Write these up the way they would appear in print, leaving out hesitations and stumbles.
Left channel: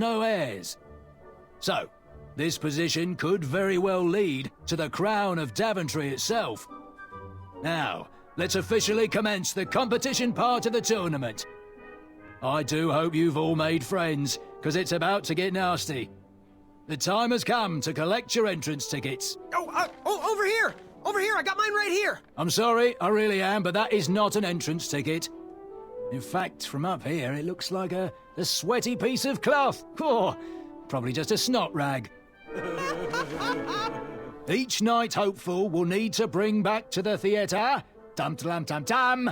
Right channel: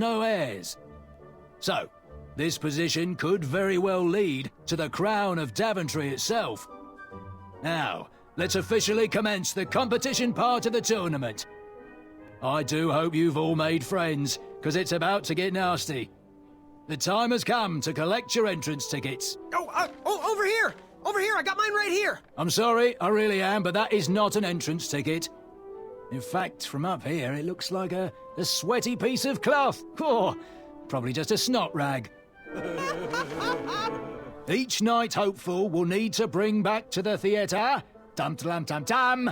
no heirs. So, this position could very well lead to the crown of Daventry itself. Now, let's officially commence the competition part of the tournament. I do hope you've all made friends, because it's about to get nasty. The time has come to collect your entrance tickets. Oh, over here! Over here, I got mine right here! I'm sorry, I really am, but that is not an entrance ticket. In fact, from up here, it looks like a sweaty piece of cloth. Oh, probably just a snot rag. Each night hopeful will need to bring back to the theatre, dum-dum-dum-dum,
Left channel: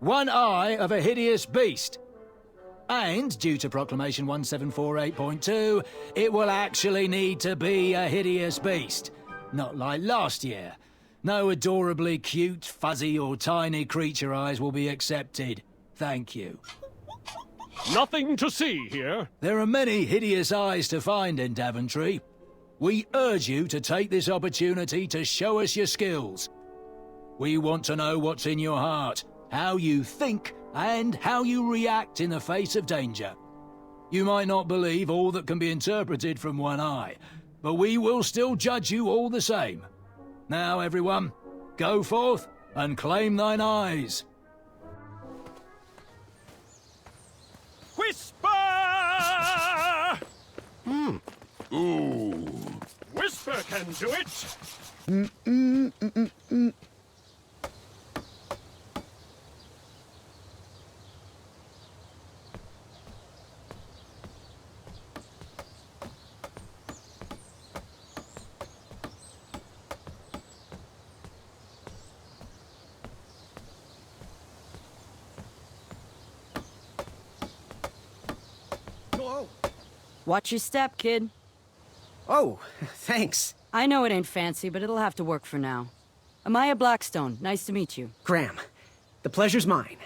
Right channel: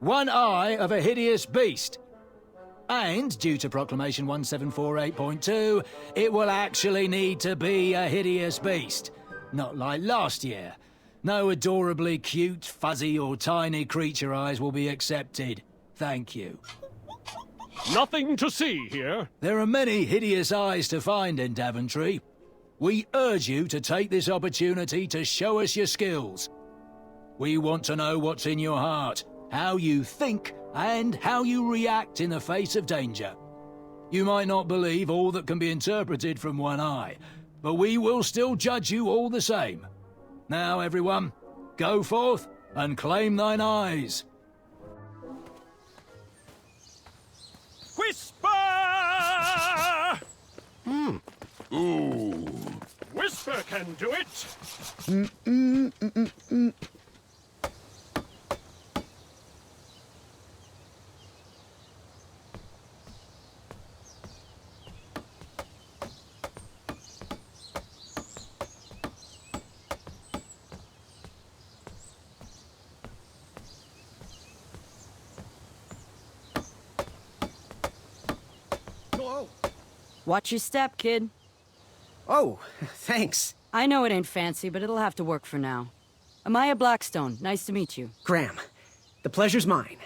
one eye of a hideous beast. And, due to Proclamation 1748.2, it will actually need to be a hideous beast. Not like last year. No adorably cute, fuzzy or tiny creature eyes will be accepted. Thank you. Nothing to see here. There are many hideous eyes to find in Daventry. We urge you to take this opportunity to show us your skills. We want to know what's in your heart, how you think, and how you react in the face of danger. You might not believe all that can be interpreted from one eye, but we will still judge you all the same. Now, everyone, go forth and claim thine eyes. Whisper! Ooh. Whisper can do it. Watch your step, kid. Oh, thanks. I know it ain't fancy, but it'll have to work for now. Amaya Blackstone, nice to meet you. Graham, the pleasure's mine.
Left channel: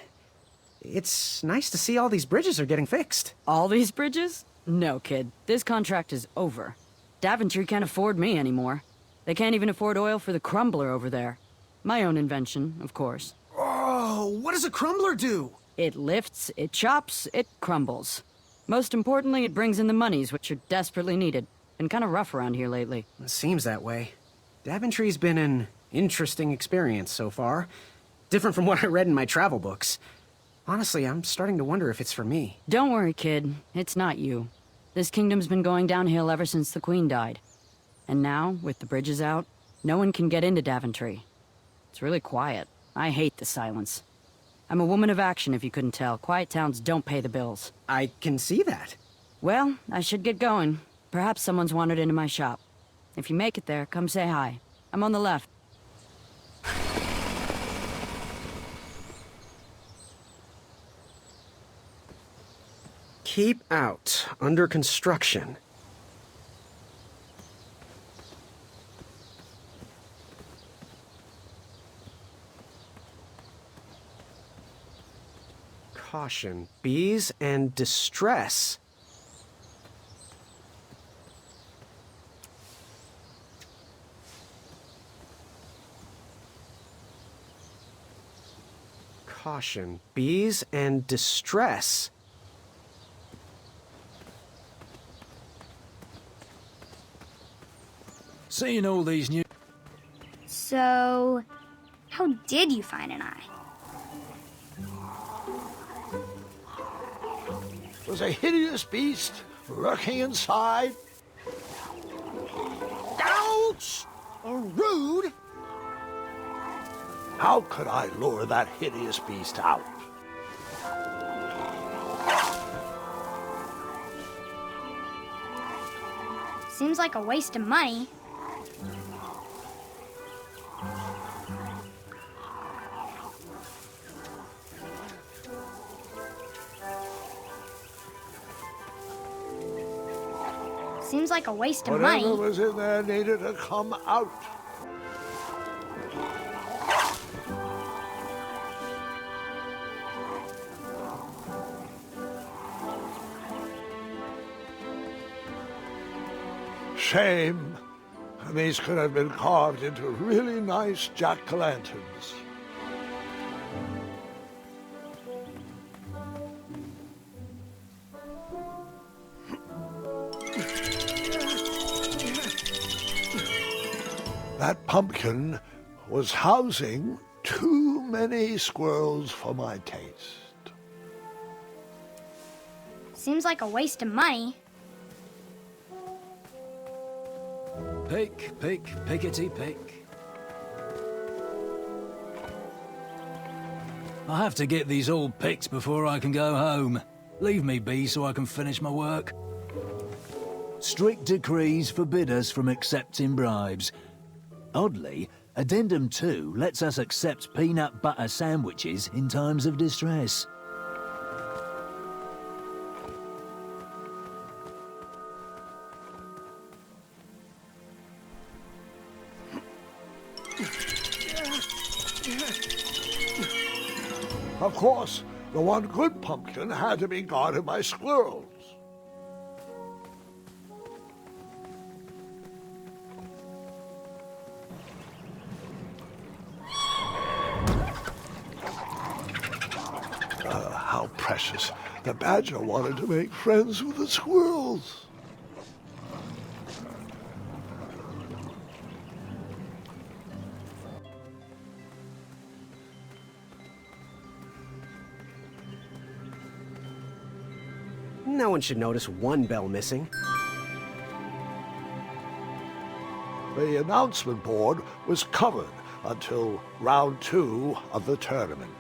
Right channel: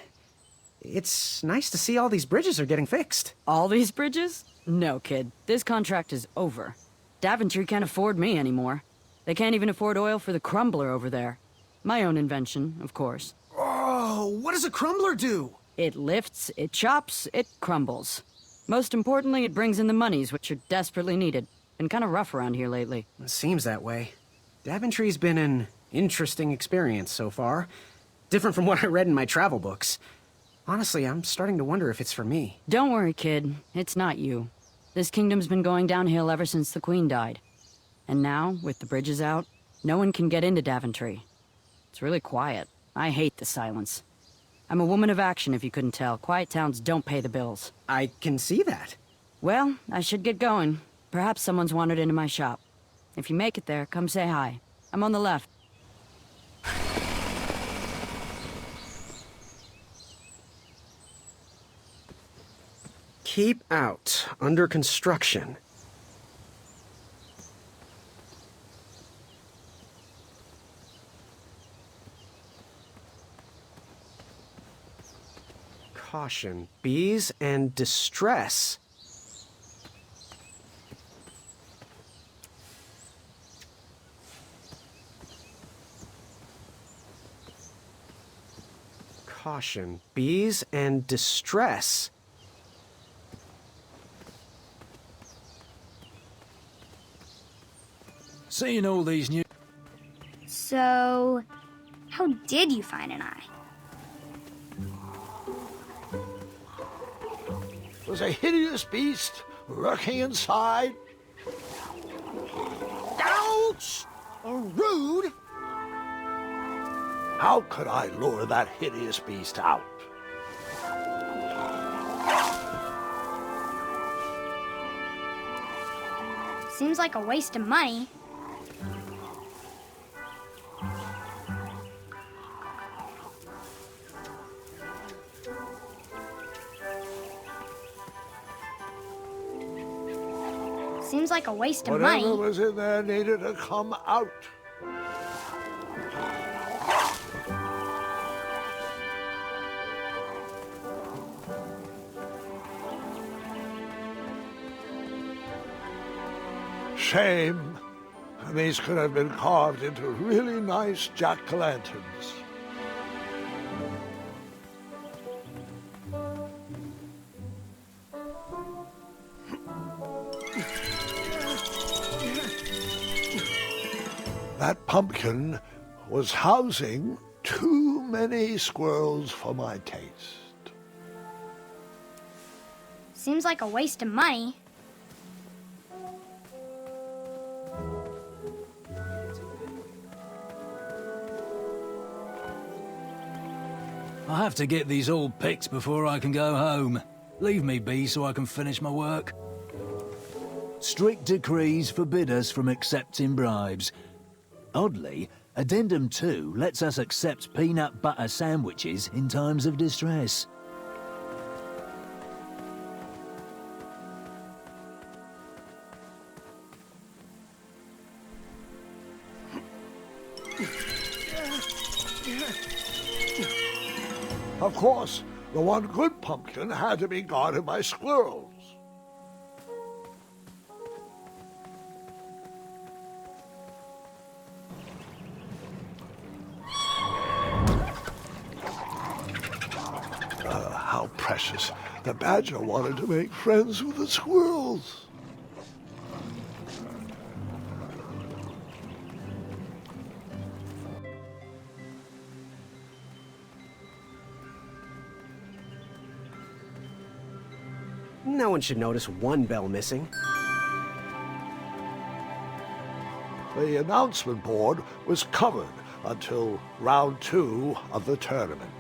It's nice to see all these bridges are getting fixed. All these bridges? No, kid. This contract is over. Daventry can't afford me anymore. They can't even afford oil for the crumbler over there. My own invention, of course. Oh, what does a crumbler do? It lifts, it chops, it crumbles. Most importantly, it brings in the monies, which are desperately needed. Been kind of rough around here lately. It seems that way. Daventry's been an interesting experience so far. Different from what I read in my travel books. Honestly, I'm starting to wonder if it's for me. Don't worry, kid. It's not you. This kingdom's been going downhill ever since the Queen died. And now, with the bridges out, no one can get into Daventry. It's really quiet. I hate the silence. I'm a woman of action, if you couldn't tell. Quiet towns don't pay the bills. I can see that. Well, I should get going. Perhaps someone's wandered into my shop. If you make it there, come say hi. I'm on the left. Keep out. Under construction. Caution. Bees and distress. Caution. Bees and distress. Seeing all these new... So, how did you find an eye? Was a hideous beast lurking inside. Ouch! Rude! How could I lure that hideous beast out? Seems like a waste of money. Seems like a waste of money. Whatever was in there needed to come out. Shame. These could have been carved into really nice jack-o'-lanterns. That pumpkin was housing too many squirrels for my taste. Seems like a waste of money. Pick, pick, pickety pick. I have to get these all picked before I can go home. Leave me be so I can finish my work. Strict decrees forbid us from accepting bribes. Oddly, Addendum 2 lets us accept peanut butter sandwiches in times of distress. Of course, the one good pumpkin had to be guarded by squirrels. How precious. The badger wanted to make friends with the squirrels. No one should notice one bell missing. The announcement board was covered until round 2 of the tournament.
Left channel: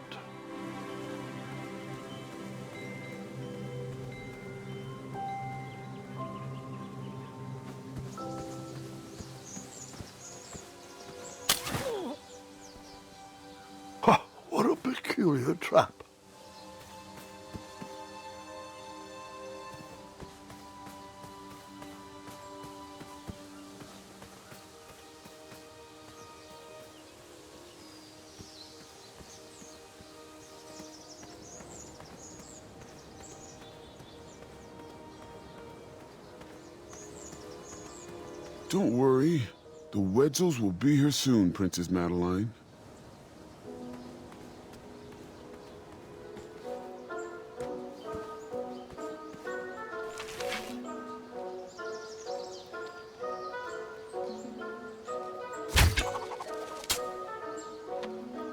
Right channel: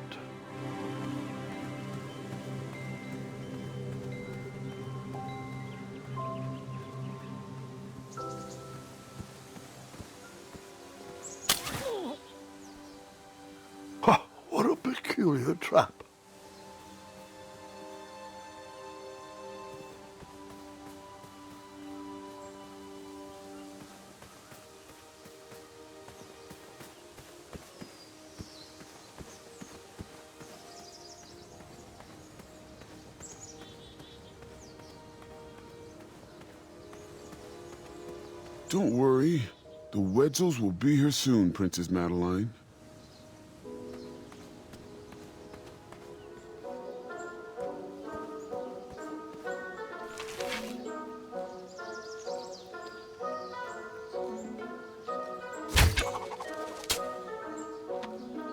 What a peculiar trap. Don't worry. The Wetzels will be here soon, Princess Madeline.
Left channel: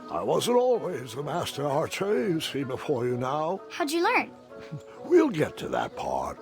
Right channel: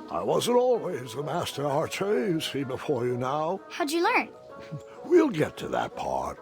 I wasn't always the master archer you see before you now. How'd you learn? We'll get to that part.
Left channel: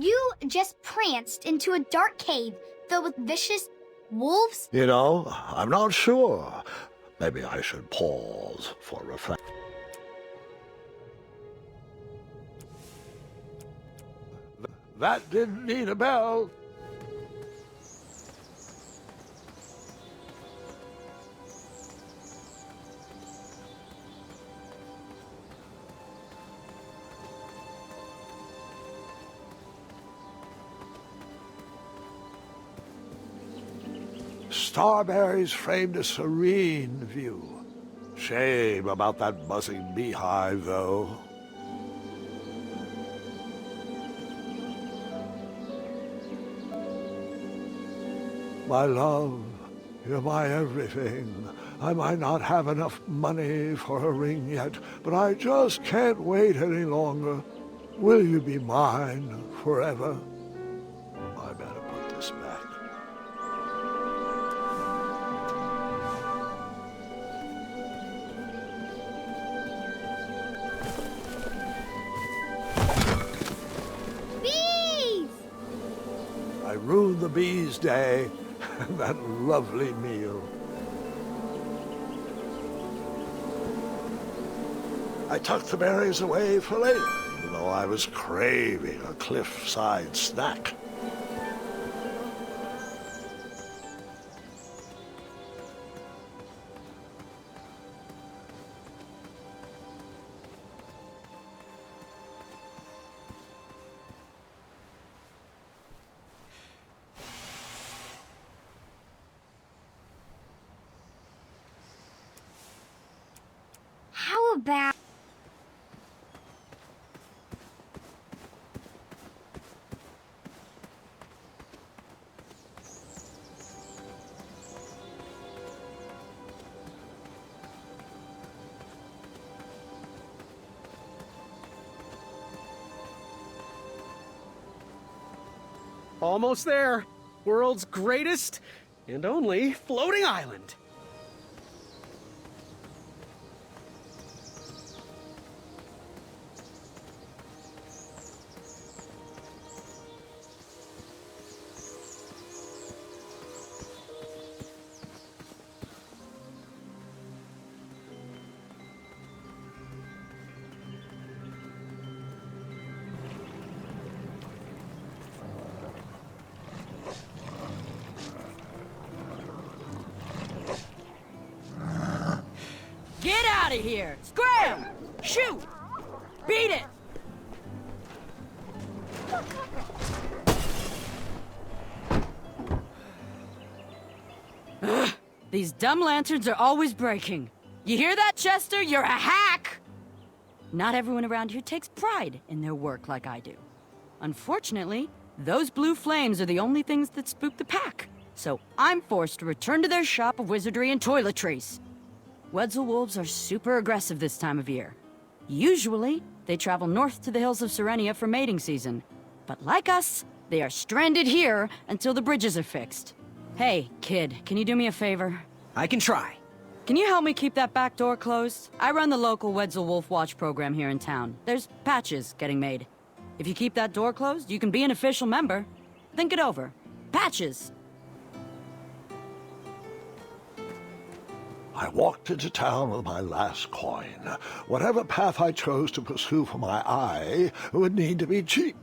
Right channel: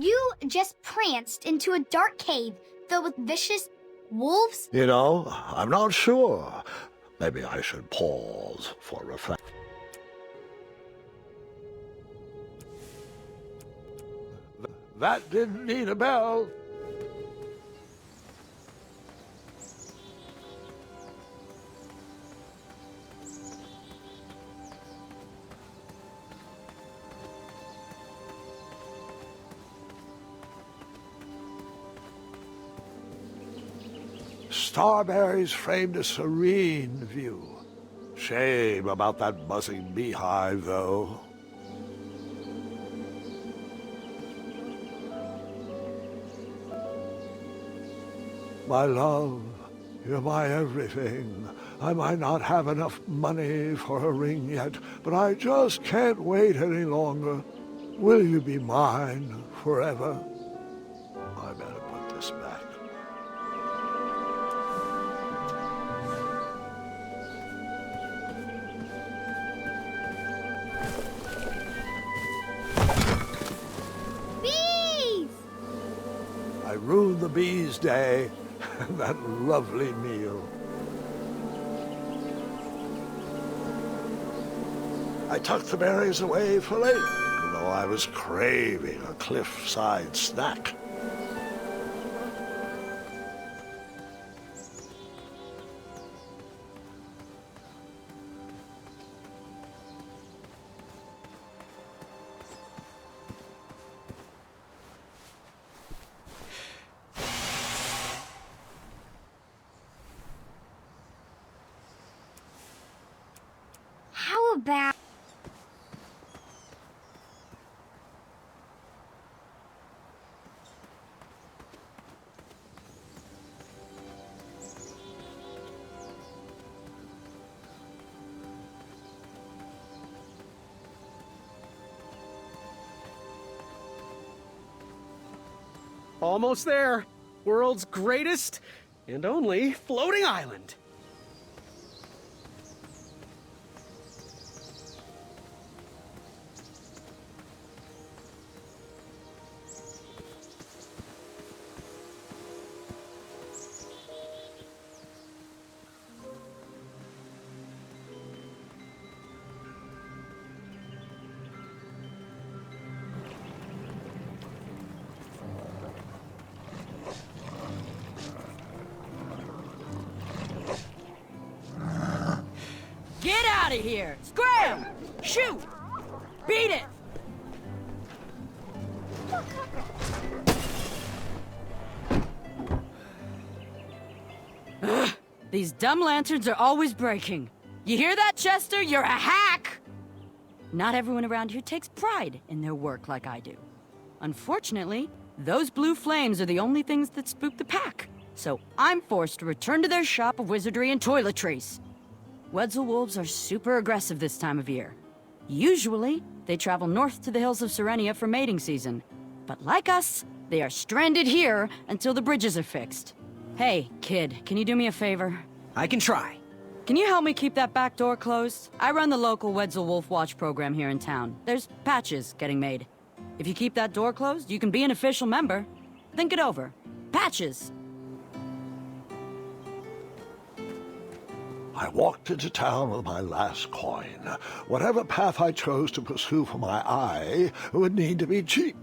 You just pranced into a dark cave filled with vicious wolves? You know, I'm not sure. Maybe I should pause for reflection. That didn't need a bell. Starberries framed a serene view. Shame about that buzzing beehive, though. My love, you're my everything. I might not have enough money for a ring yet, but I just can't wait any longer. Will you be mine forever? I better put this back. I ruined the bees' day and that lovely meal. I tucked the berries away for later, even though I was craving a cliffside snack. How about... Almost there. World's greatest and only floating island. Get out of here! Scram! Shoot! Beat it! Ugh, these dumb lanterns are always breaking. You hear that, Chester? You're a hack! Not everyone around here takes pride in their work like I do. Unfortunately, those blue flames are the only things that spook the pack. So I'm forced to return to their shop of wizardry and toiletries. Wetzel wolves are super aggressive this time of year. Usually, they travel north to the hills of Serenia for mating season. But like us, they are stranded here until the bridges are fixed. Hey, kid, can you do me a favor? I can try. Can you help me keep that back door closed? I run the local Wetzel Wolf Watch program here in town. There's patches getting made. If you keep that door closed, you can be an official member. Think it over. Patches! I walked into town with my last coin. Whatever path I chose to pursue for my eye would need to be cheap.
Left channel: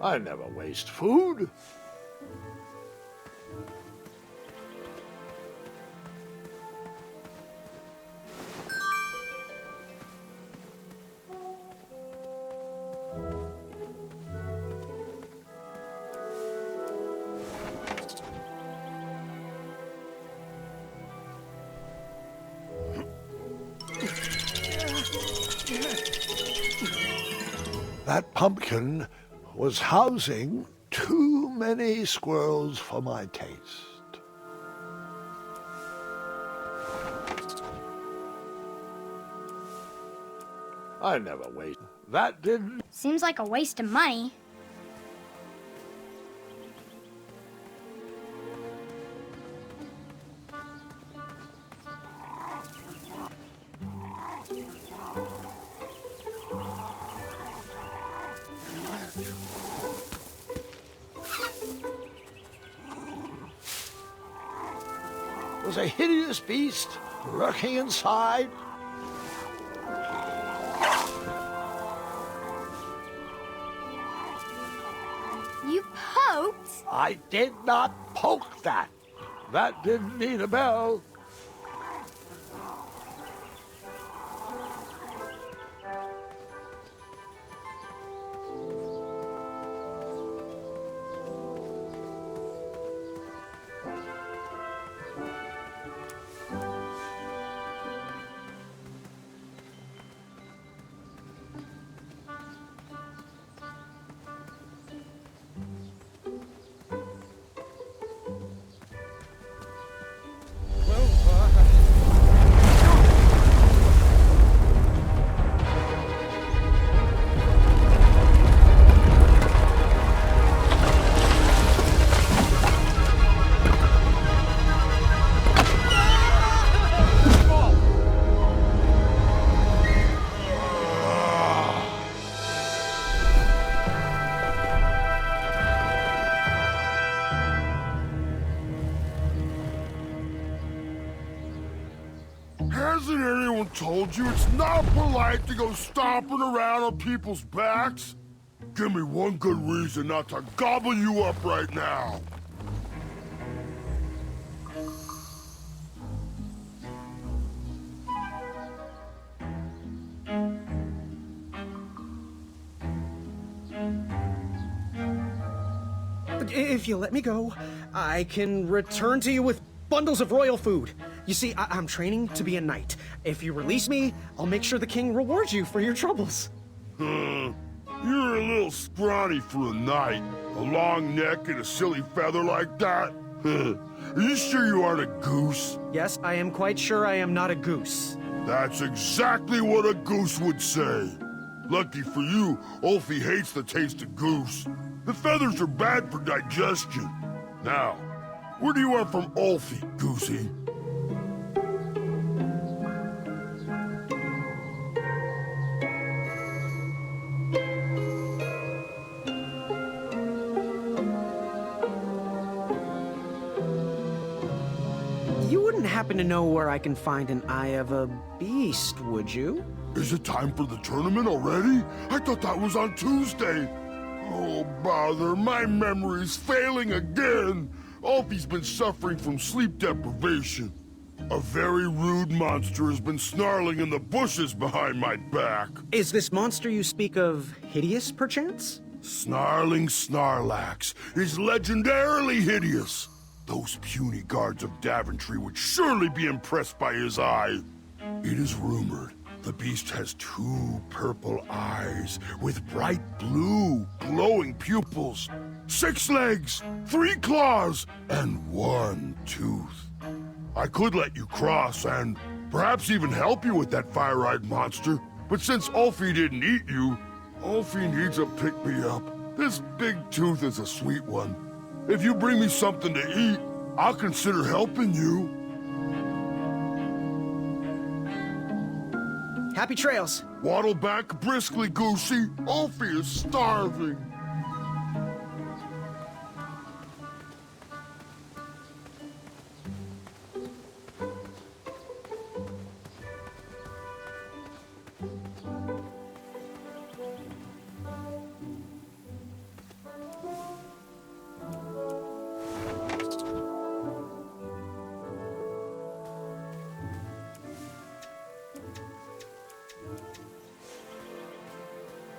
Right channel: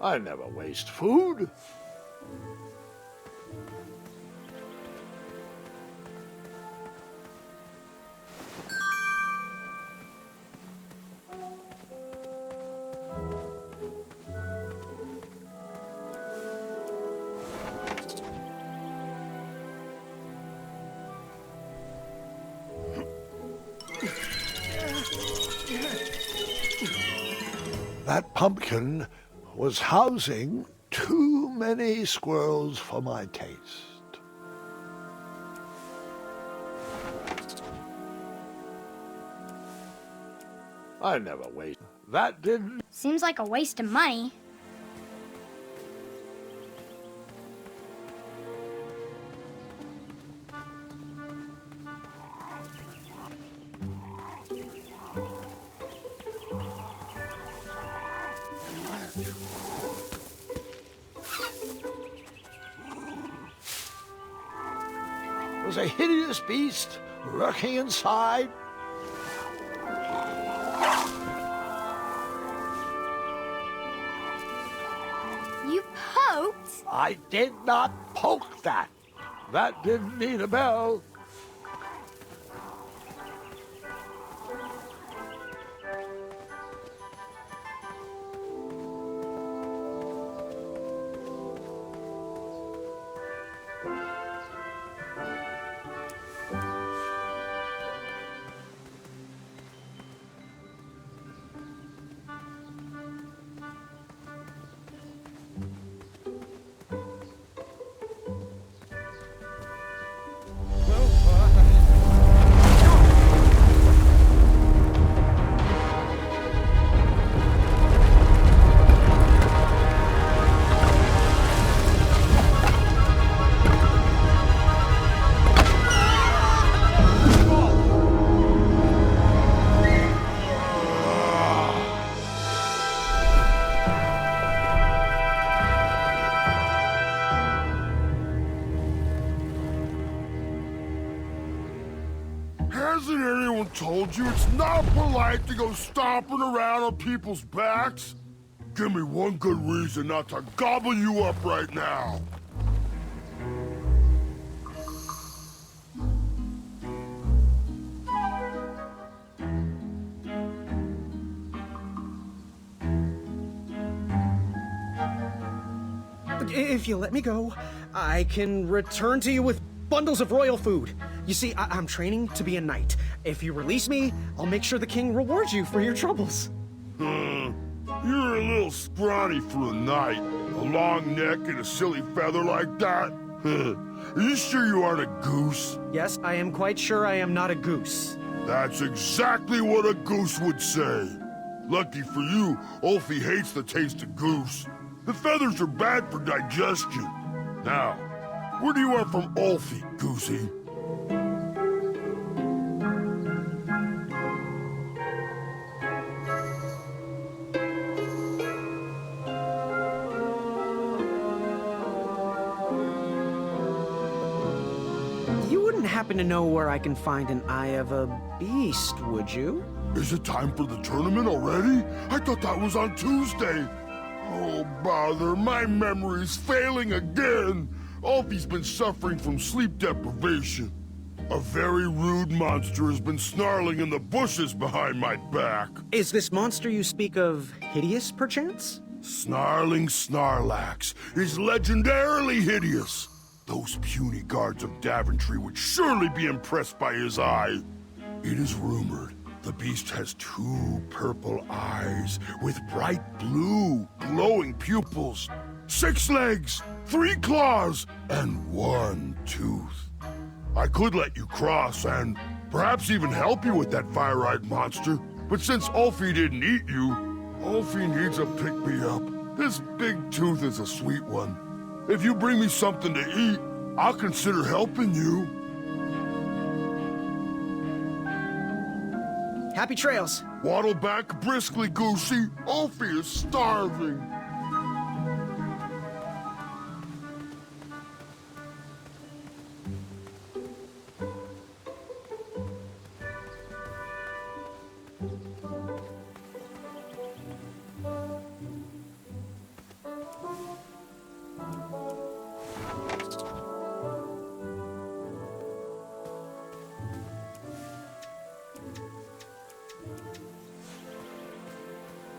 I never waste food. That pumpkin was housing too many squirrels for my taste. I never waste. That didn't... Seems like a waste of money. Was a hideous beast lurking inside. You poked? I did not poke that. That didn't need a bell. one told you it's not polite to go stomping around on people's backs? Give me one good reason not to gobble you up right now. If you let me go, I can return to you with bundles of royal food. You see, I'm training to be a knight. If you release me, I'll make sure the king rewards you for your troubles. You're a little scrawny for a knight. A long neck and a silly feather like that? Are you sure you aren't a goose? Yes, I am quite sure I am not a goose. That's exactly what a goose would say. Lucky for you, Ulfie hates the taste of goose. The feathers are bad for digestion. Now, where do you want from Ulfie, Goosey? You wouldn't happen to know where I can find an Eye of a Beast, would you? Is it time for the tournament already? I thought that was on Tuesday. Oh, bother, my memory's failing again. Ulfie's been suffering from sleep deprivation. A very rude monster has been snarling in the bushes behind my back. Is this monster you speak of hideous, perchance? Snarling Snarlax is legendarily hideous. Those puny guards of Daventry would surely be impressed by his eye. It is rumored the beast has 2 purple eyes with bright blue, glowing pupils, 6 legs, 3 claws, and 1 tooth. I could let you cross and perhaps even help you with that fire-eyed monster, but since Ulfie didn't eat you, Ulfie needs a pick-me-up. This big tooth is a sweet one. If you bring me something to eat, I'll consider helping you. Happy trails. Waddle back briskly, Goosey. Ulfie is starving.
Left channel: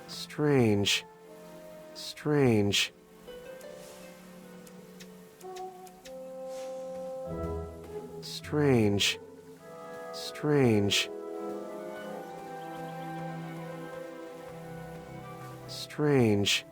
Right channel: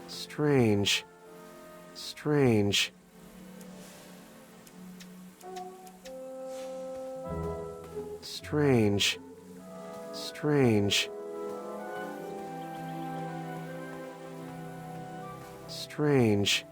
Strange. Strange. Strange. Strange. Strange.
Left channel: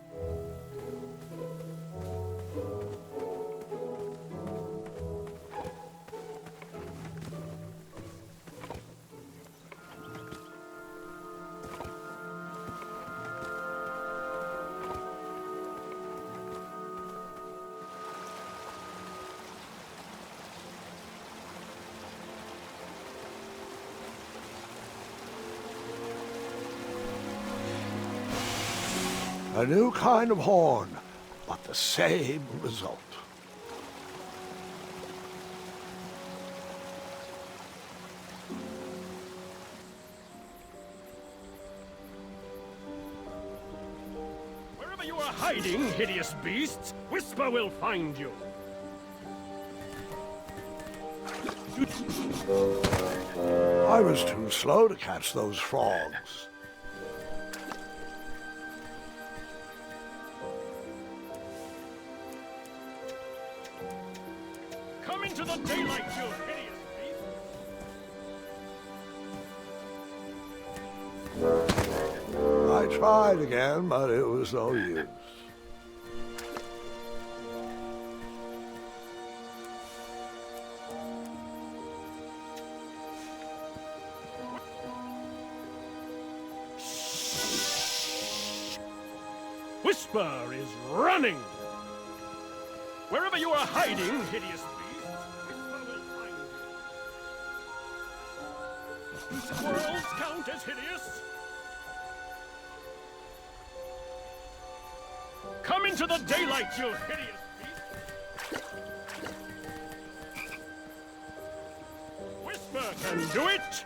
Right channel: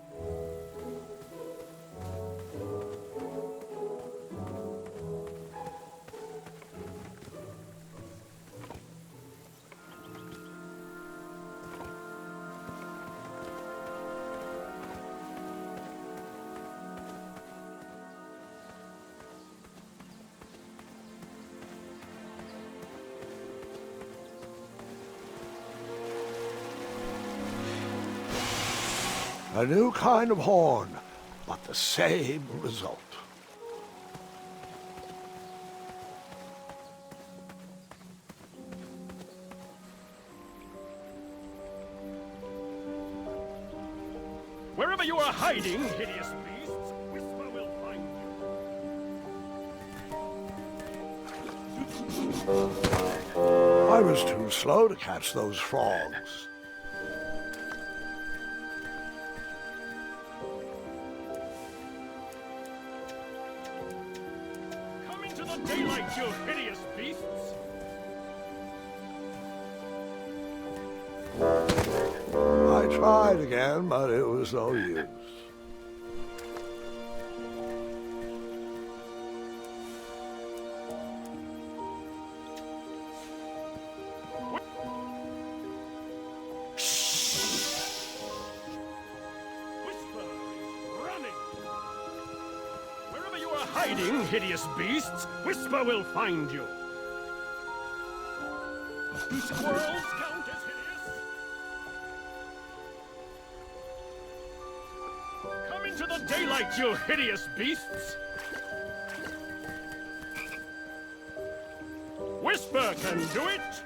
A new kind of horn, but the same result. Wherever you are hiding, hideous beasts, Whisper will find you. I was too slow to catch those frogs. Come into the daylight, you hideous beasts! I tried again, but it was no use. Whisper is running! Wherever you are hiding, hideous beasts, Whisper will find you. Do squirrels count as hideous? Come into the daylight, you hideous beasts! Whisper can do it!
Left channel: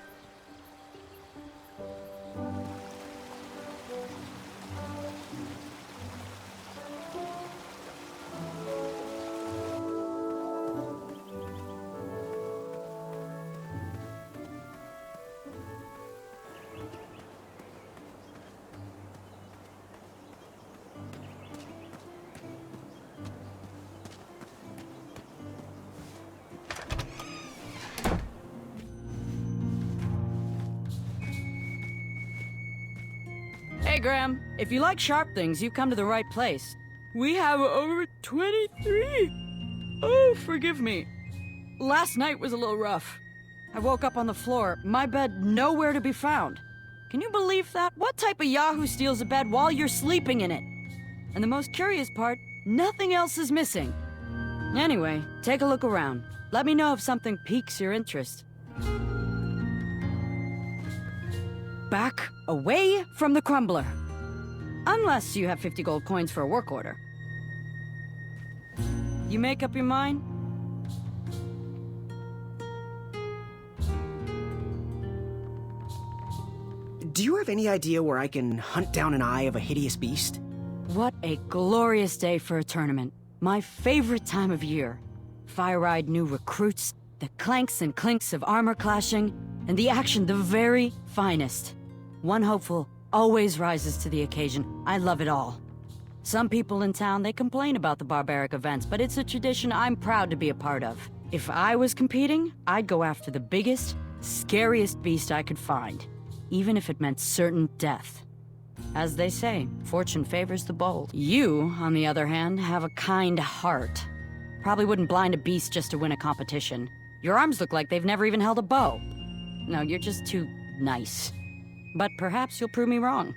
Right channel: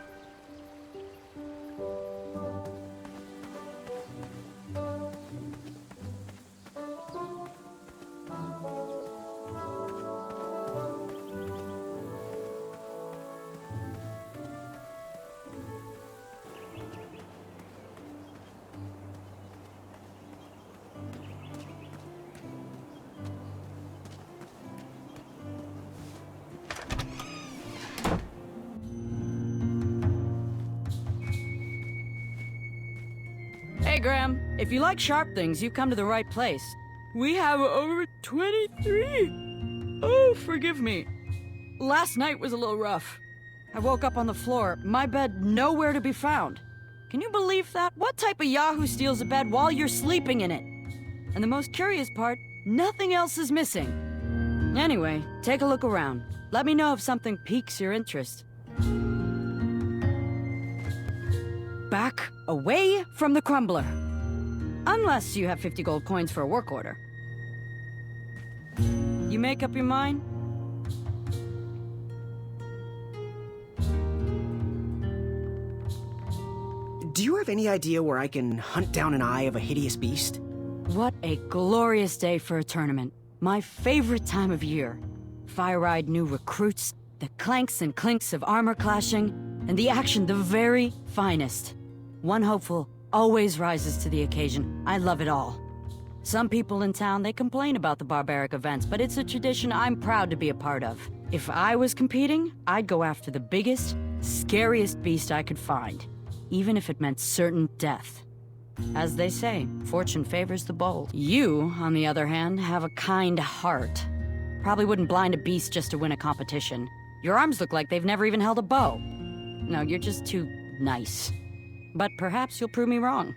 Graham. If you like sharp things, you've come to the right place. We have over 23. Oh, forgive me. Last night was a little rough. I woke up on the floor, my bed nowhere to be found. Can you believe that? What type of yahoo steals a bed while you're sleeping in it? And the most curious part, nothing else is missing. Anyway, take a look around. Let me know if something piques your interest. Back away from the crumbler. Unless you have 50 gold coins for a work order. You make up your mind? Do you have any idea where I can hunt down an eye of a hideous beast? What a glorious day for a tournament. My favorite time of year. Fire-eyed new recruits, the clanks and clinks of armor clashing, and the action the very finest. One hopeful always rises to the occasion. I love it all. Some people in town, they complain about the barbaric events, but it's a tradition I'm proud to be a part of. If I was competing, I'd go after the biggest, scariest beast I could find, even if it meant certain death. As they say, fortune favors the bold. You, on the other hand, have a kind heart. Probably wouldn't blind a beast just to win a competition. Your arms look like they've never even held a bow. No, you're just too nice. But perhaps you'll prove me wrong.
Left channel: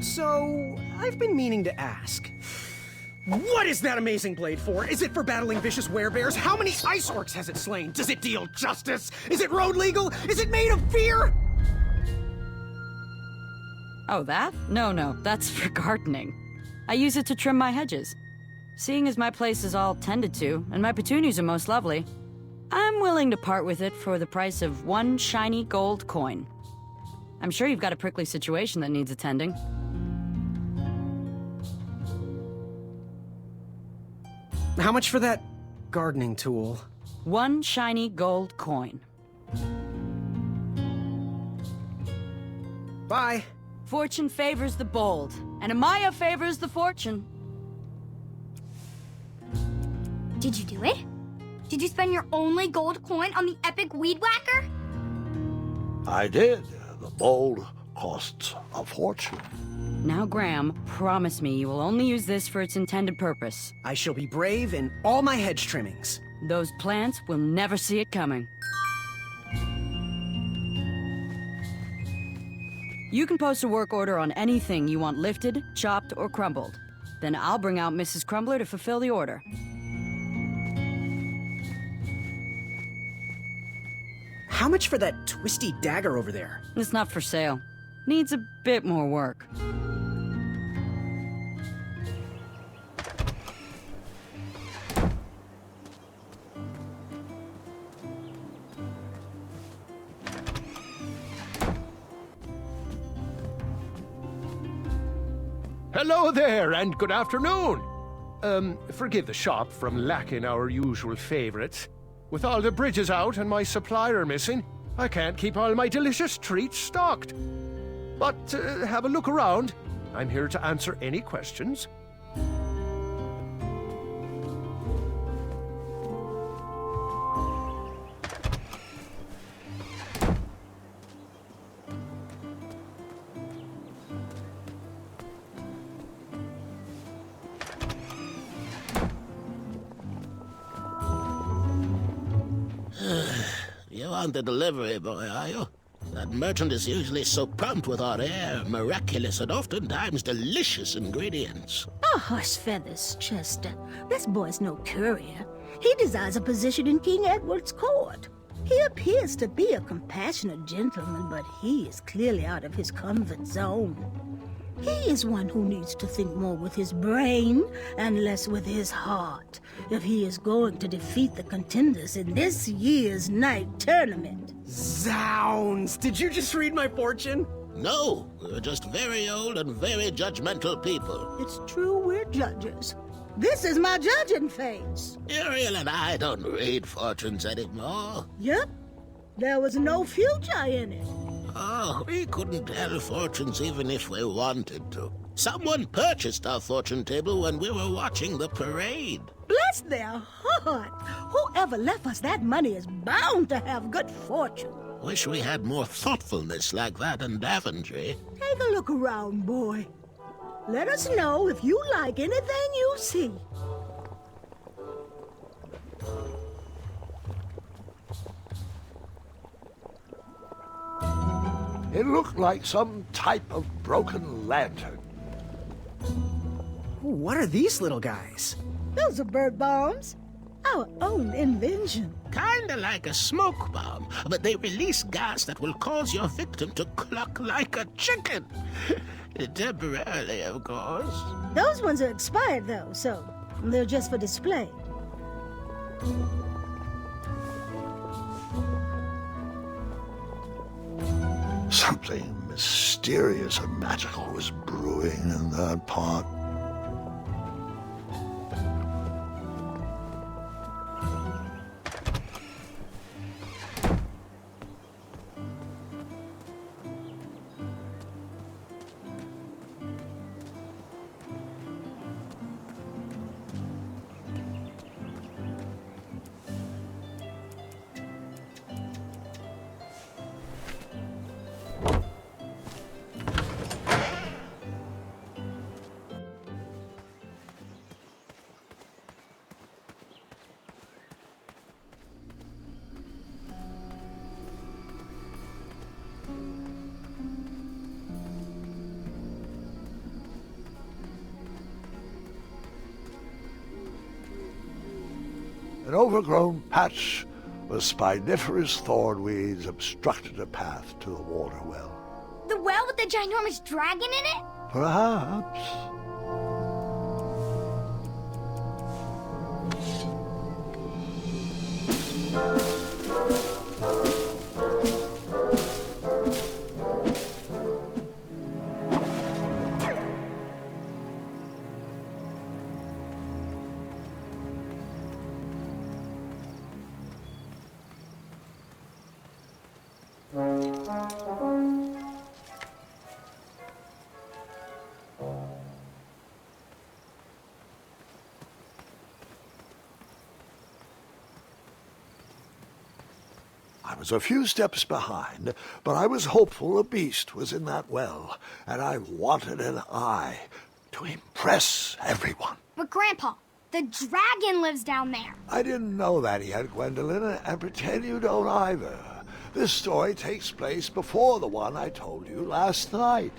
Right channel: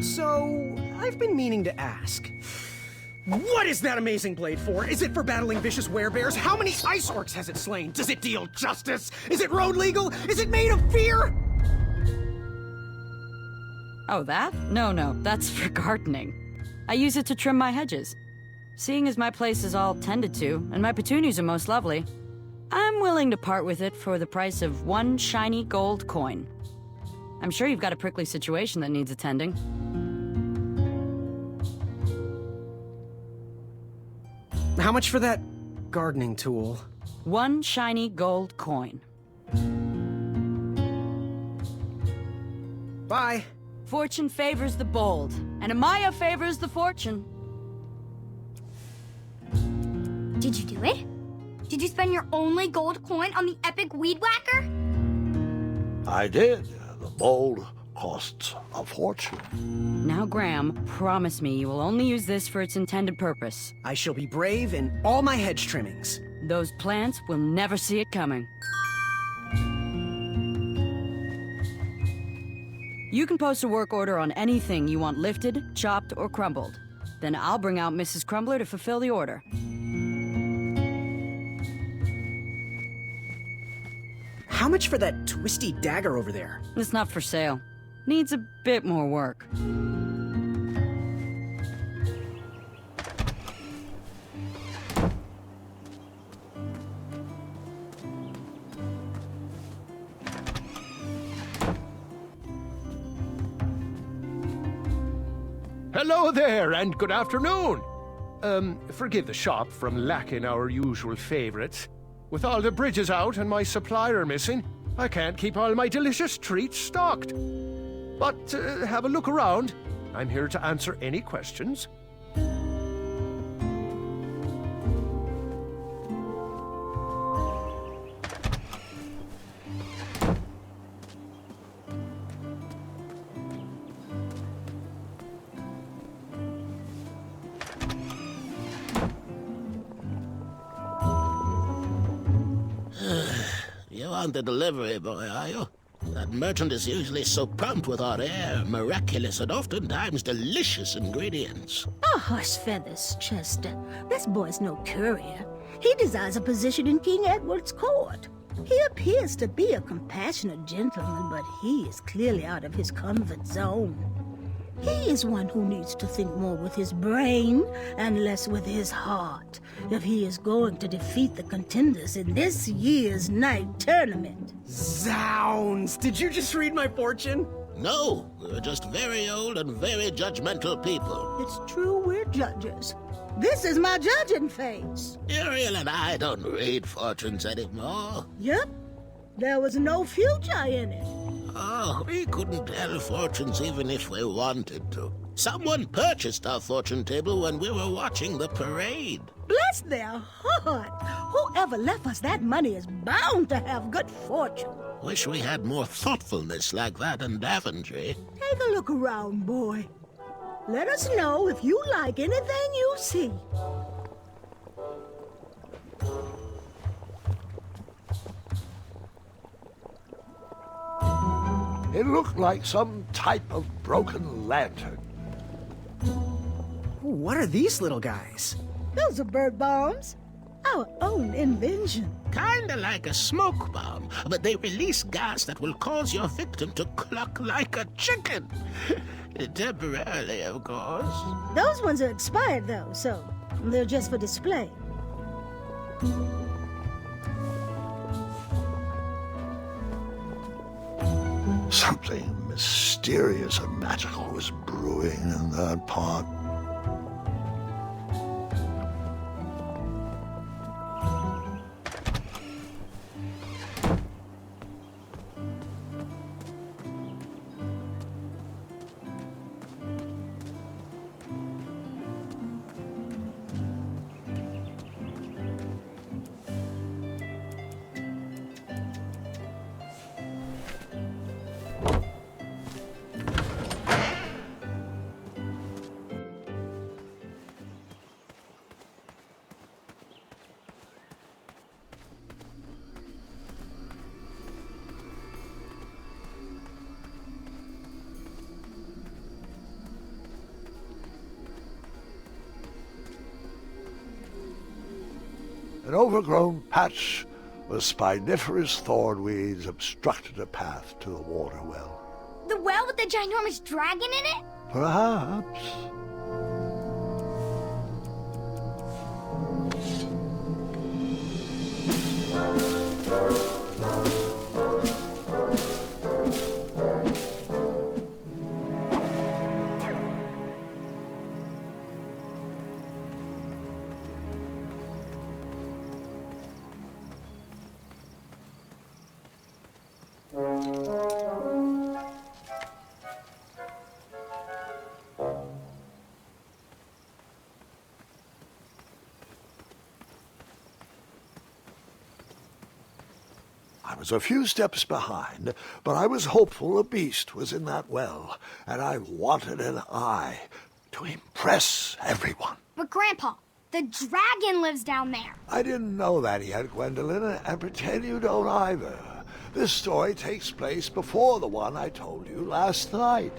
So, I've been meaning to ask. What is that amazing blade for? Is it for battling vicious werebears? How many ice orcs has it slain? Does it deal justice? Is it road legal? Is it made of fear? Oh, that? No, that's for gardening. I use it to trim my hedges. Seeing as my place is all tended to, and my petunias are most lovely, I'm willing to part with it for the price of 1 shiny gold coin. I'm sure you've got a prickly situation that needs attending. How much for that gardening tool? 1 shiny gold coin. Bye. Fortune favors the bold, and Amaya favors the fortune. Did you do it? Did you spend your only gold coin on the epic weed whacker? I did. The bold costs a fortune. Now, Graham, promise me you will only use this for its intended purpose. I shall be brave in all my hedge trimmings. Those plants will never see it coming. You can post a work order on anything you want lifted, chopped, or crumbled. Then I'll bring out Mrs. Crumbler to fulfill the order. How much for that twisty dagger over there? It's not for sale. Needs a bit more work. Hello there, and good afternoon. Forgive the shop from lacking our usual favorites. With all the bridges out and my supplier missing, I can't keep all my delicious treats stocked. But have a look around. I'm here to answer any questions. You aren't the delivery boy, are you? That merchant is usually so prompt with our rare, miraculous, and oftentimes delicious ingredients. Oh, hush feathers, Chester. This boy's no courier. He desires a position in King Edward's court. He appears to be a compassionate gentleman, but he is clearly out of his comfort zone. He is one who needs to think more with his brain and less with his heart if he is going to defeat the contenders in this year's night tournament. Zounds! Did you just read my fortune? No, we're just very old and very judgmental people. It's true we're judges. This is my judging face. Ariel and I don't read fortunes anymore. Yep. There was no future in it. Oh, we couldn't tell fortunes even if we wanted to. Someone purchased our fortune table when we were watching the parade. Bless their heart! Whoever left us that money is bound to have good fortune. Wish we had more thoughtfulness like that in Daventry. Take a look around, boy. Let us know if you like anything you see. It looked like some type of broken lantern. What are these little guys? Those are bird bombs. Our own invention. Kinda like a smoke bomb, but they release gas that will cause your victim to cluck like a chicken. Temporarily, of course. Those ones are expired, though, so they're just for display. Something mysterious and magical was brewing in that pot. An overgrown patch of spiniferous thornweeds obstructed a path to the water well. The well with the ginormous dragon in it? Perhaps. I was a few steps behind, but I was hopeful a beast was in that well, and I wanted an eye to impress everyone. But Grandpa, the dragon lives down there. I didn't know that yet, Gwendolyn, and pretend you don't either. This story takes place before the one I told you last night.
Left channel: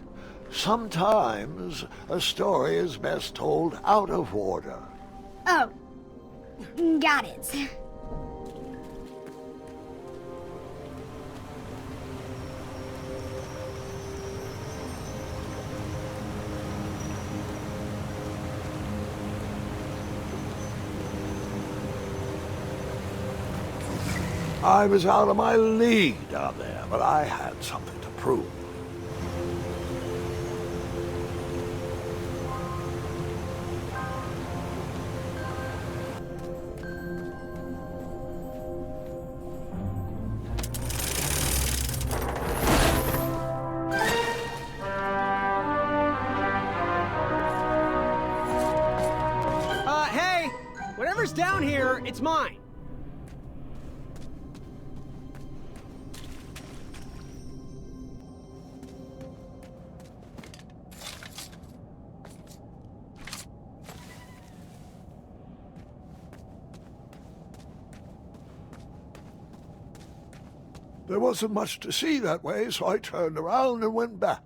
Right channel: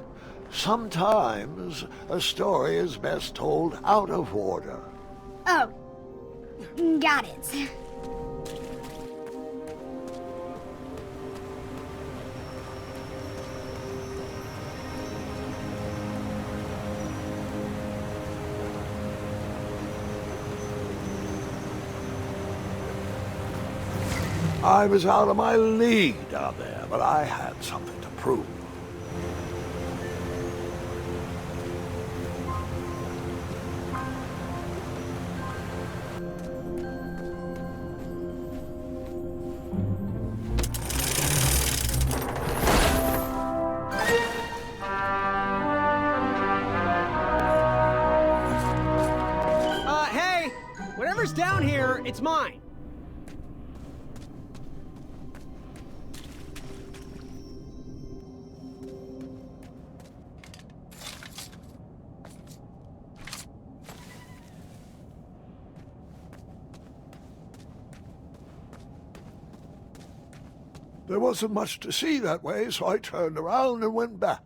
Sometimes a story is best told out of order. Oh, got it. I was out of my league down there, but I had something to prove. Hey! Whatever's down here, it's mine. There wasn't much to see that way, so I turned around and went back.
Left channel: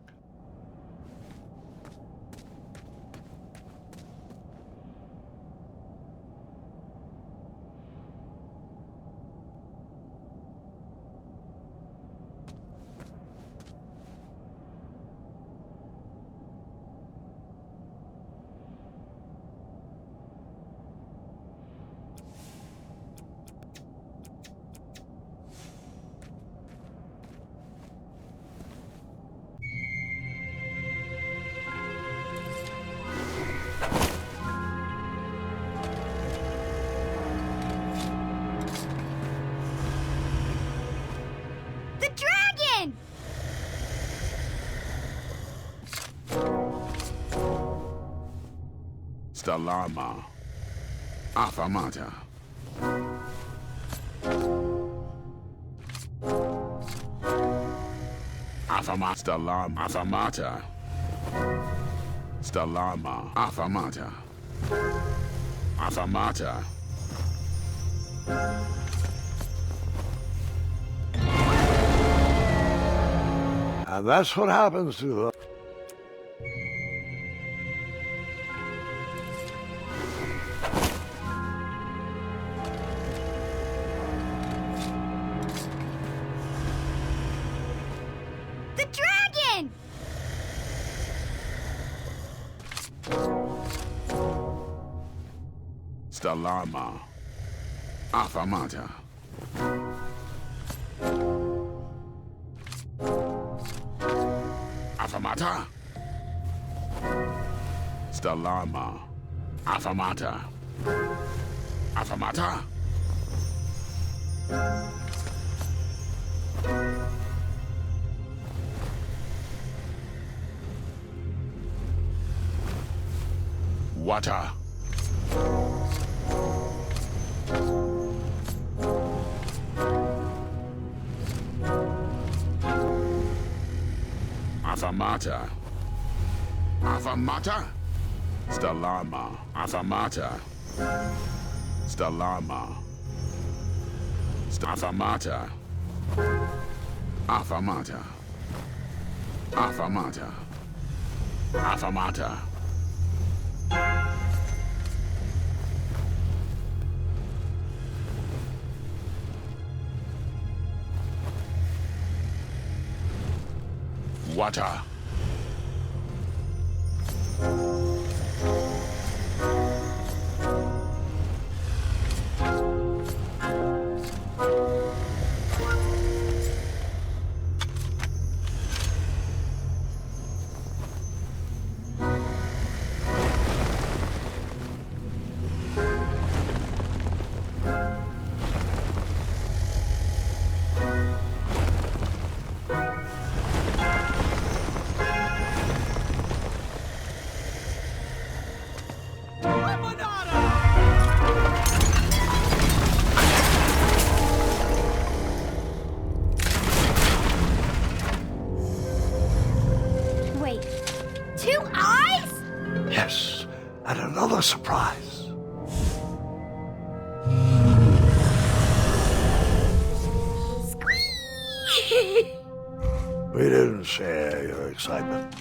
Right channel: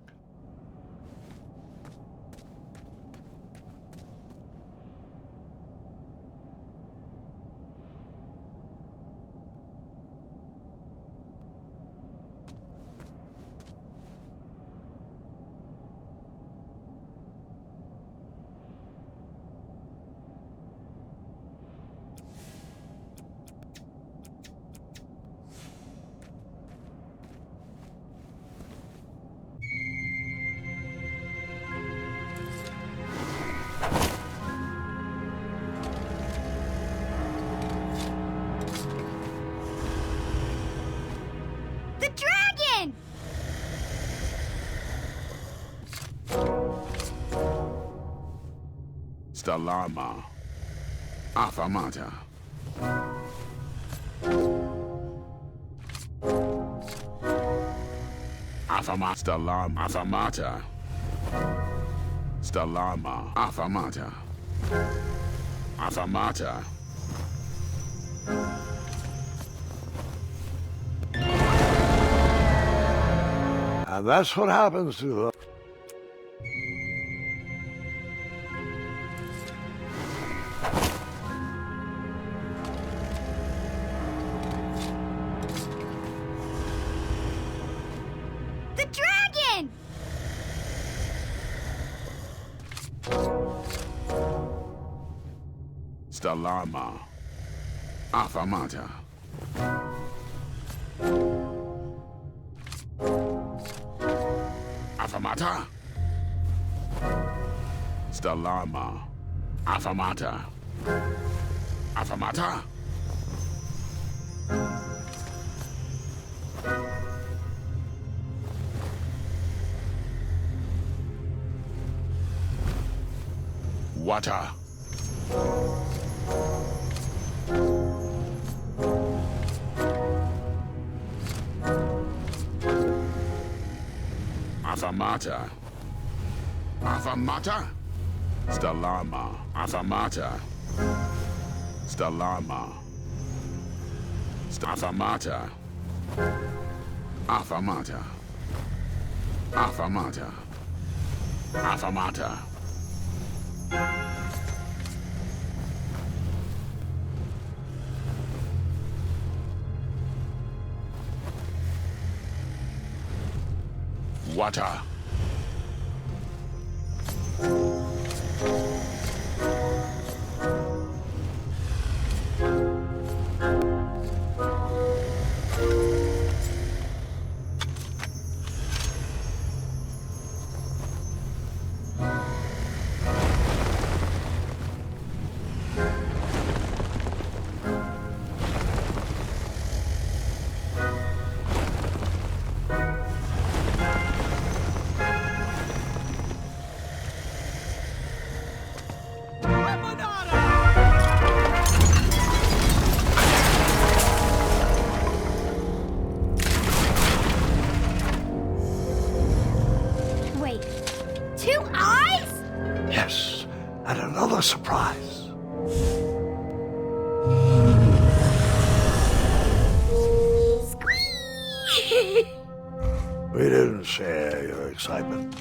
Stalama. Affamata. Stalama. Affamata. Stalama. Affamata. Affamata. And that's what happens to the... The dragon! Stalama. Affamata. Affamata. Stalama. Affamata. Affamata. Water. Affamata. Affamata. Stalama. Affamata. Stalama. Affamata. Affamata. Affamata. Affamata. Water. Wait, 2 eyes? Yes, and another surprise. Squeak! We didn't share your excitement.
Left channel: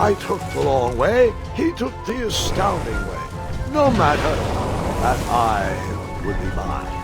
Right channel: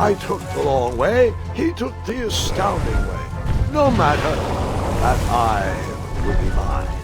I took the long way, he took the astounding way. No matter, that I would be mine.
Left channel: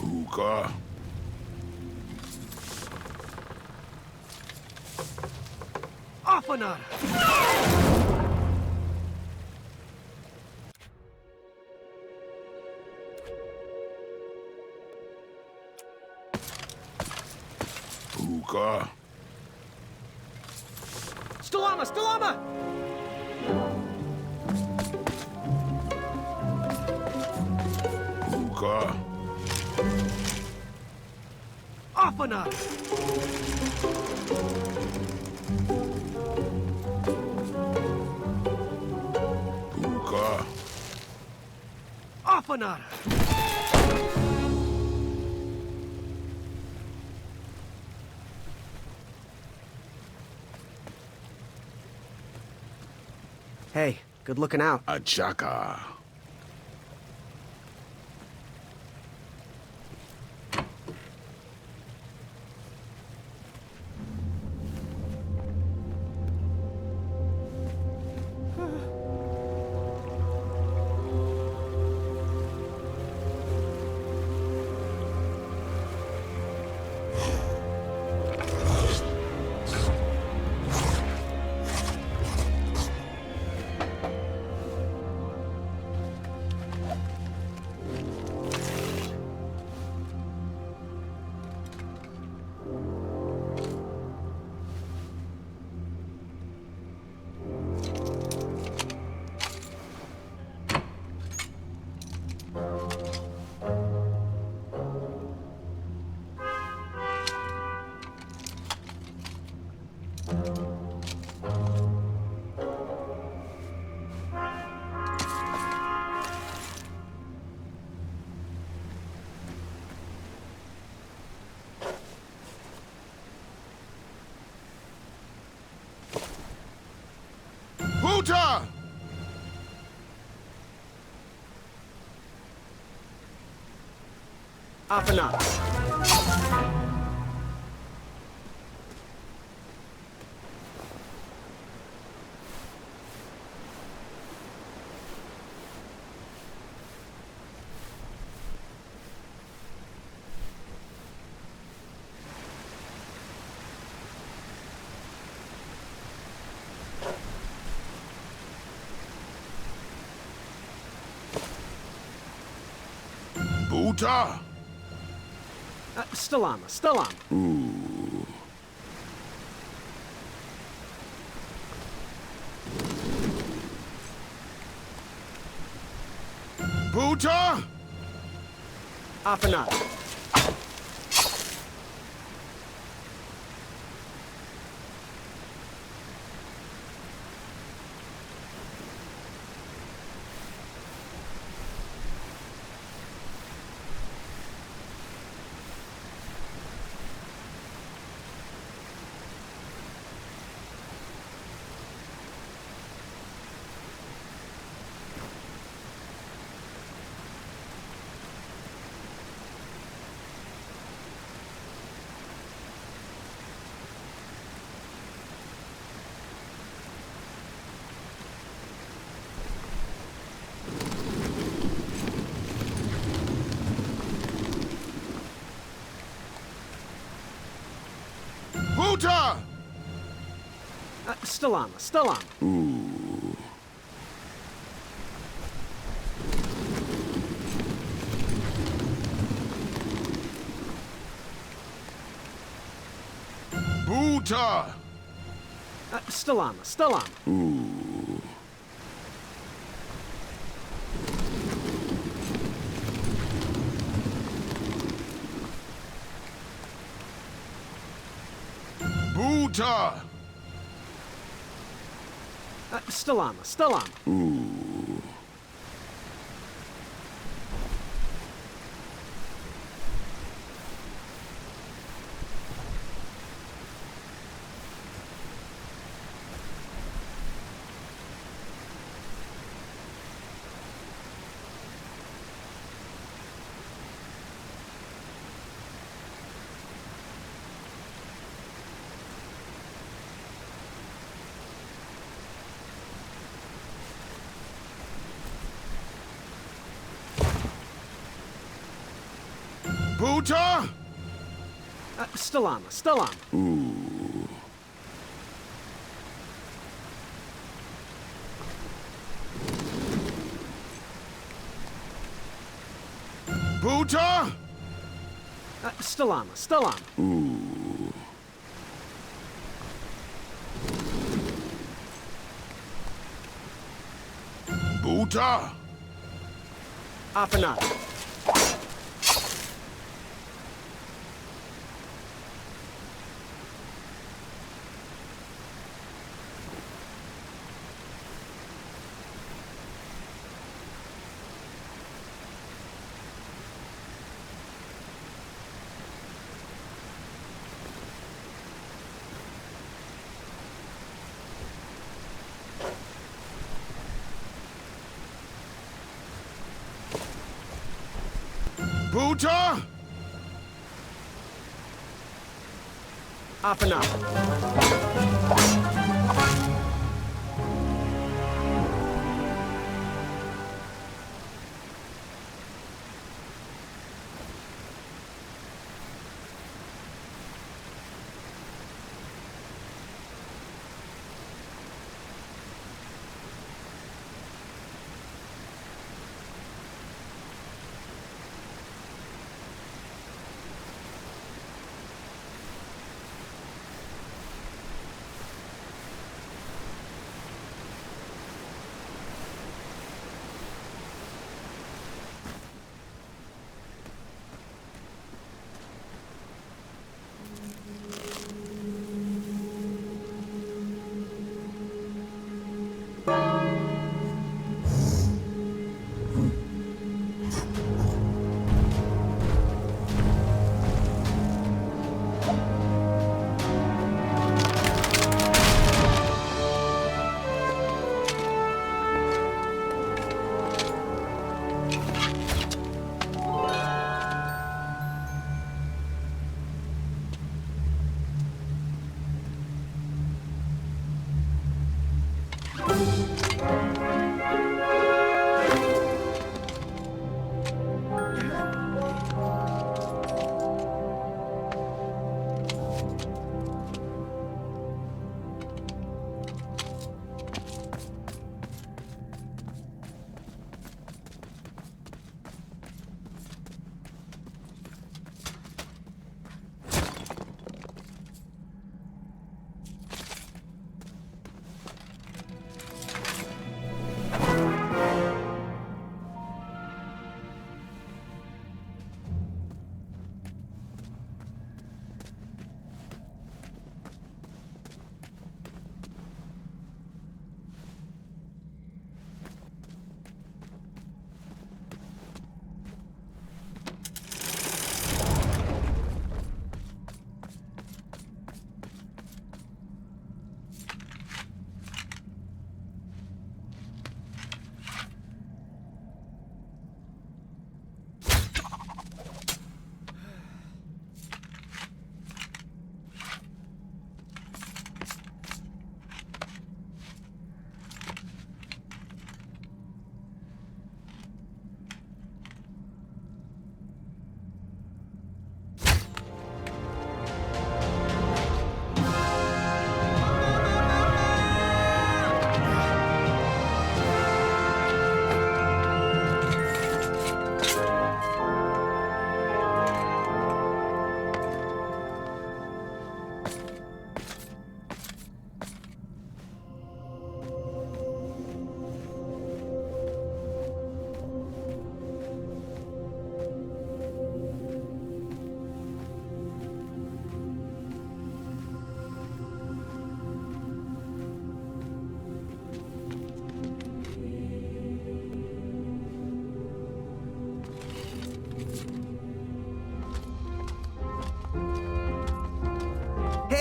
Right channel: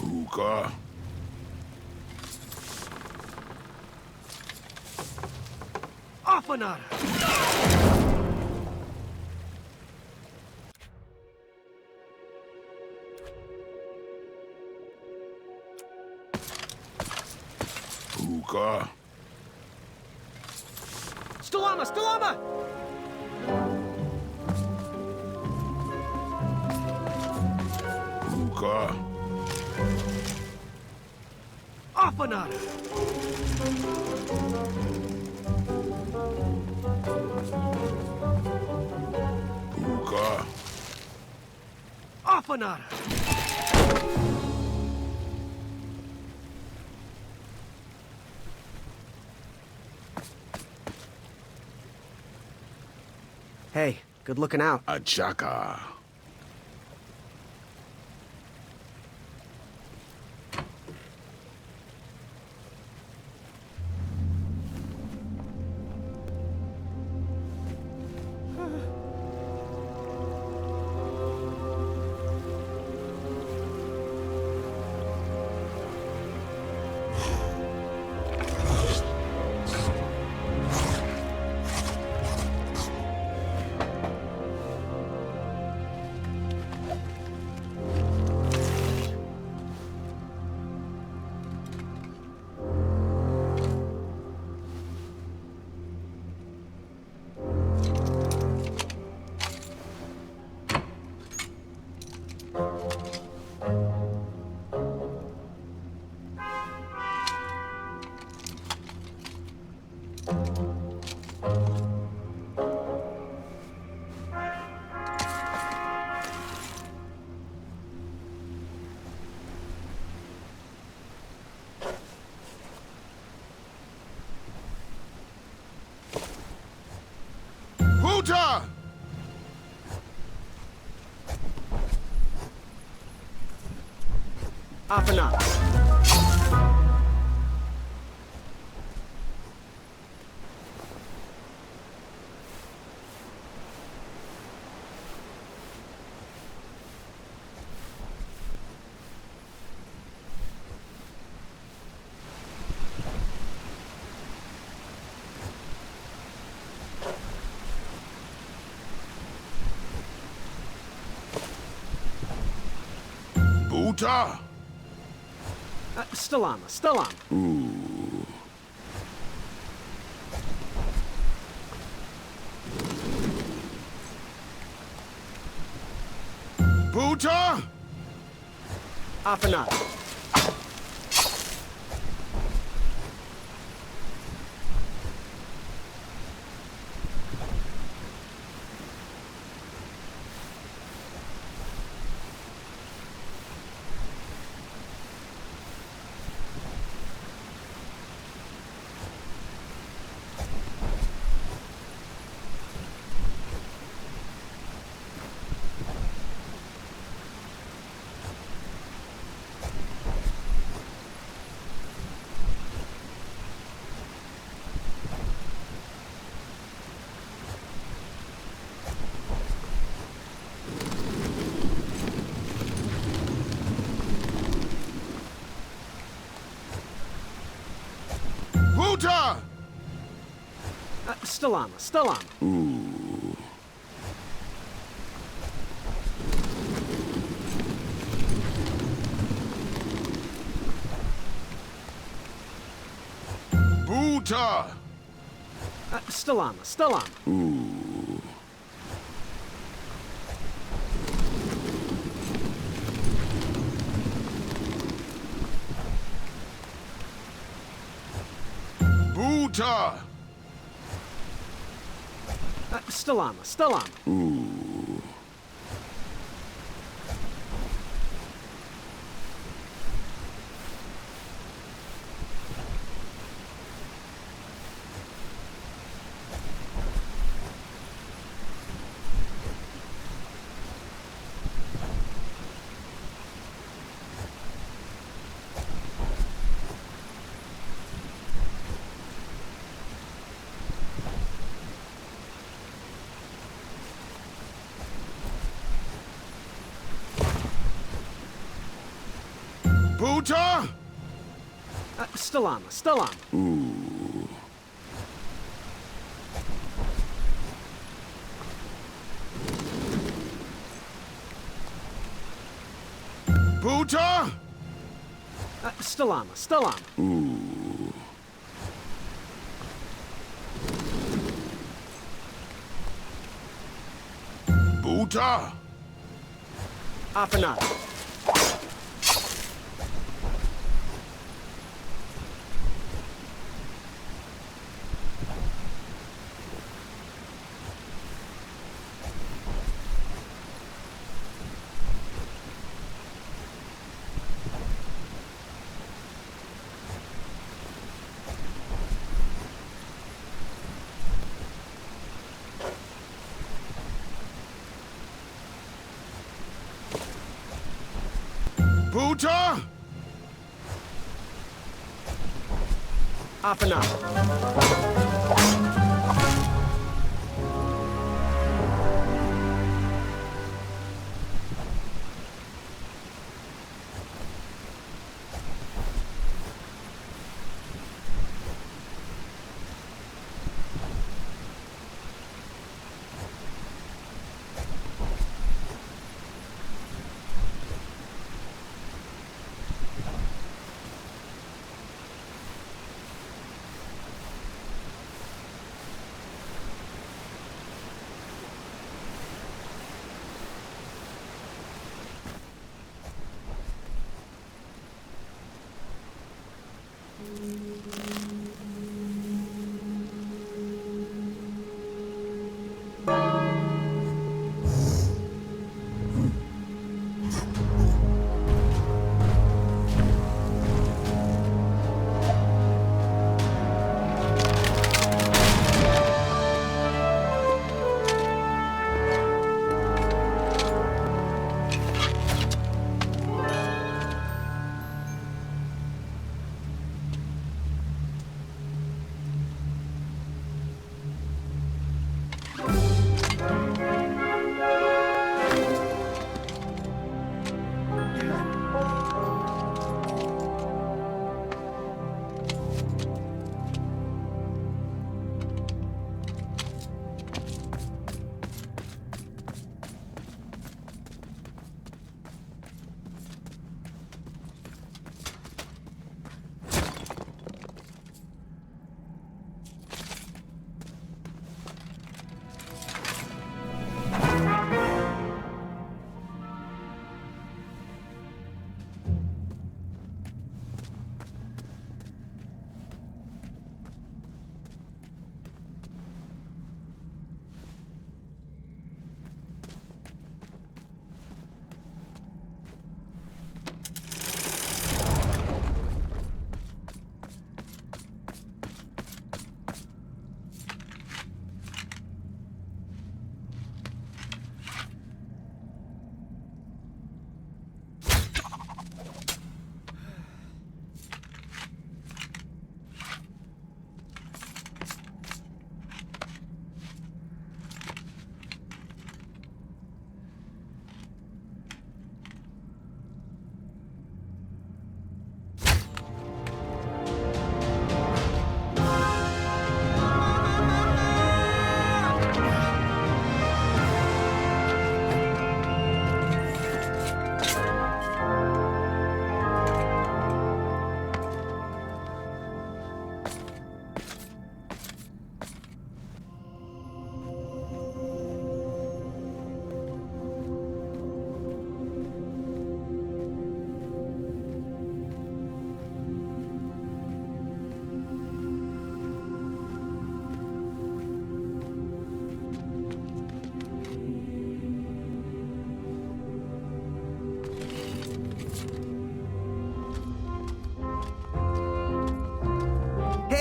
Hookah. Afanada! Hookah. Stalama! Stalama! Hookah. Afanada! Hookah. Afanada! Hey, good looking out. Achaka. Huta! Afanada. Buta? Stalama. Ooh. Buta? Apanada. Buta! Stalama. Ooh. Buta! Stalama. Ooh. Buta! Stalama. Ooh. Buta? Stalama. Ooh. Buta? Stalama. Ooh. Buta? Apanada. Buta? Apanada.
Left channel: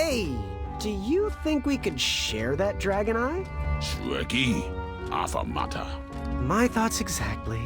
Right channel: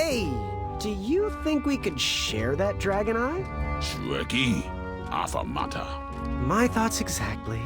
Hey, do you think we could share that dragon eye? Shrekky, affamata. My thoughts exactly.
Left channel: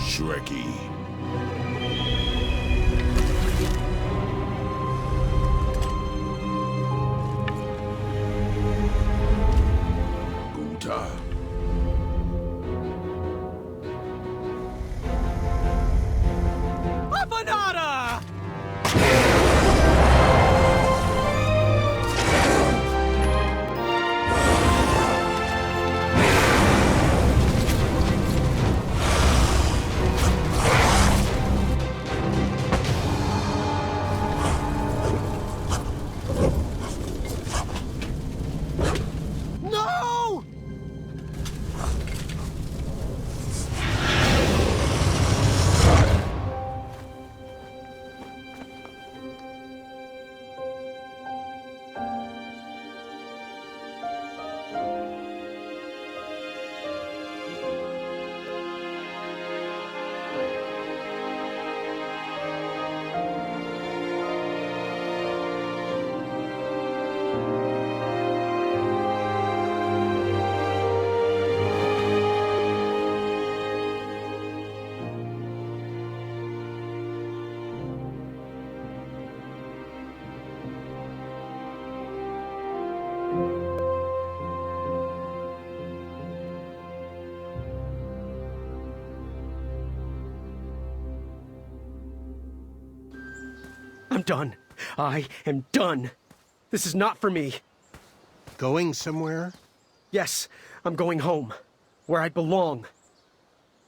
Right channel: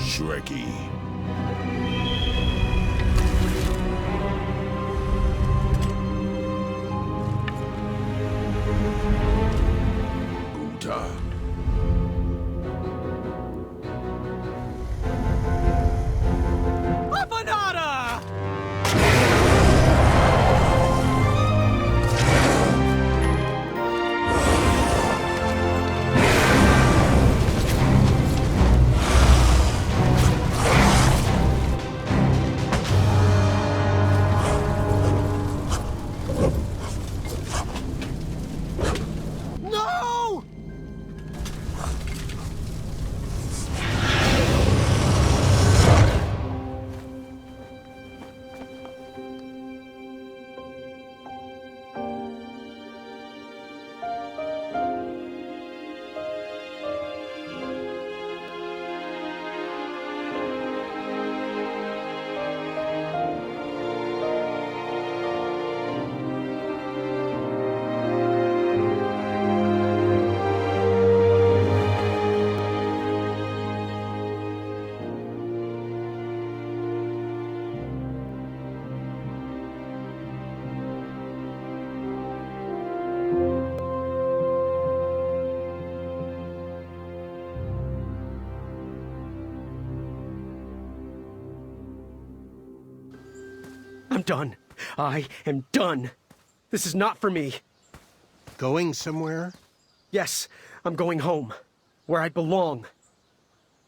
Shrekky. Buta. Afanada! No! I'm done. I am done. This is not for me. Going somewhere? Yes, I'm going home, where I belong.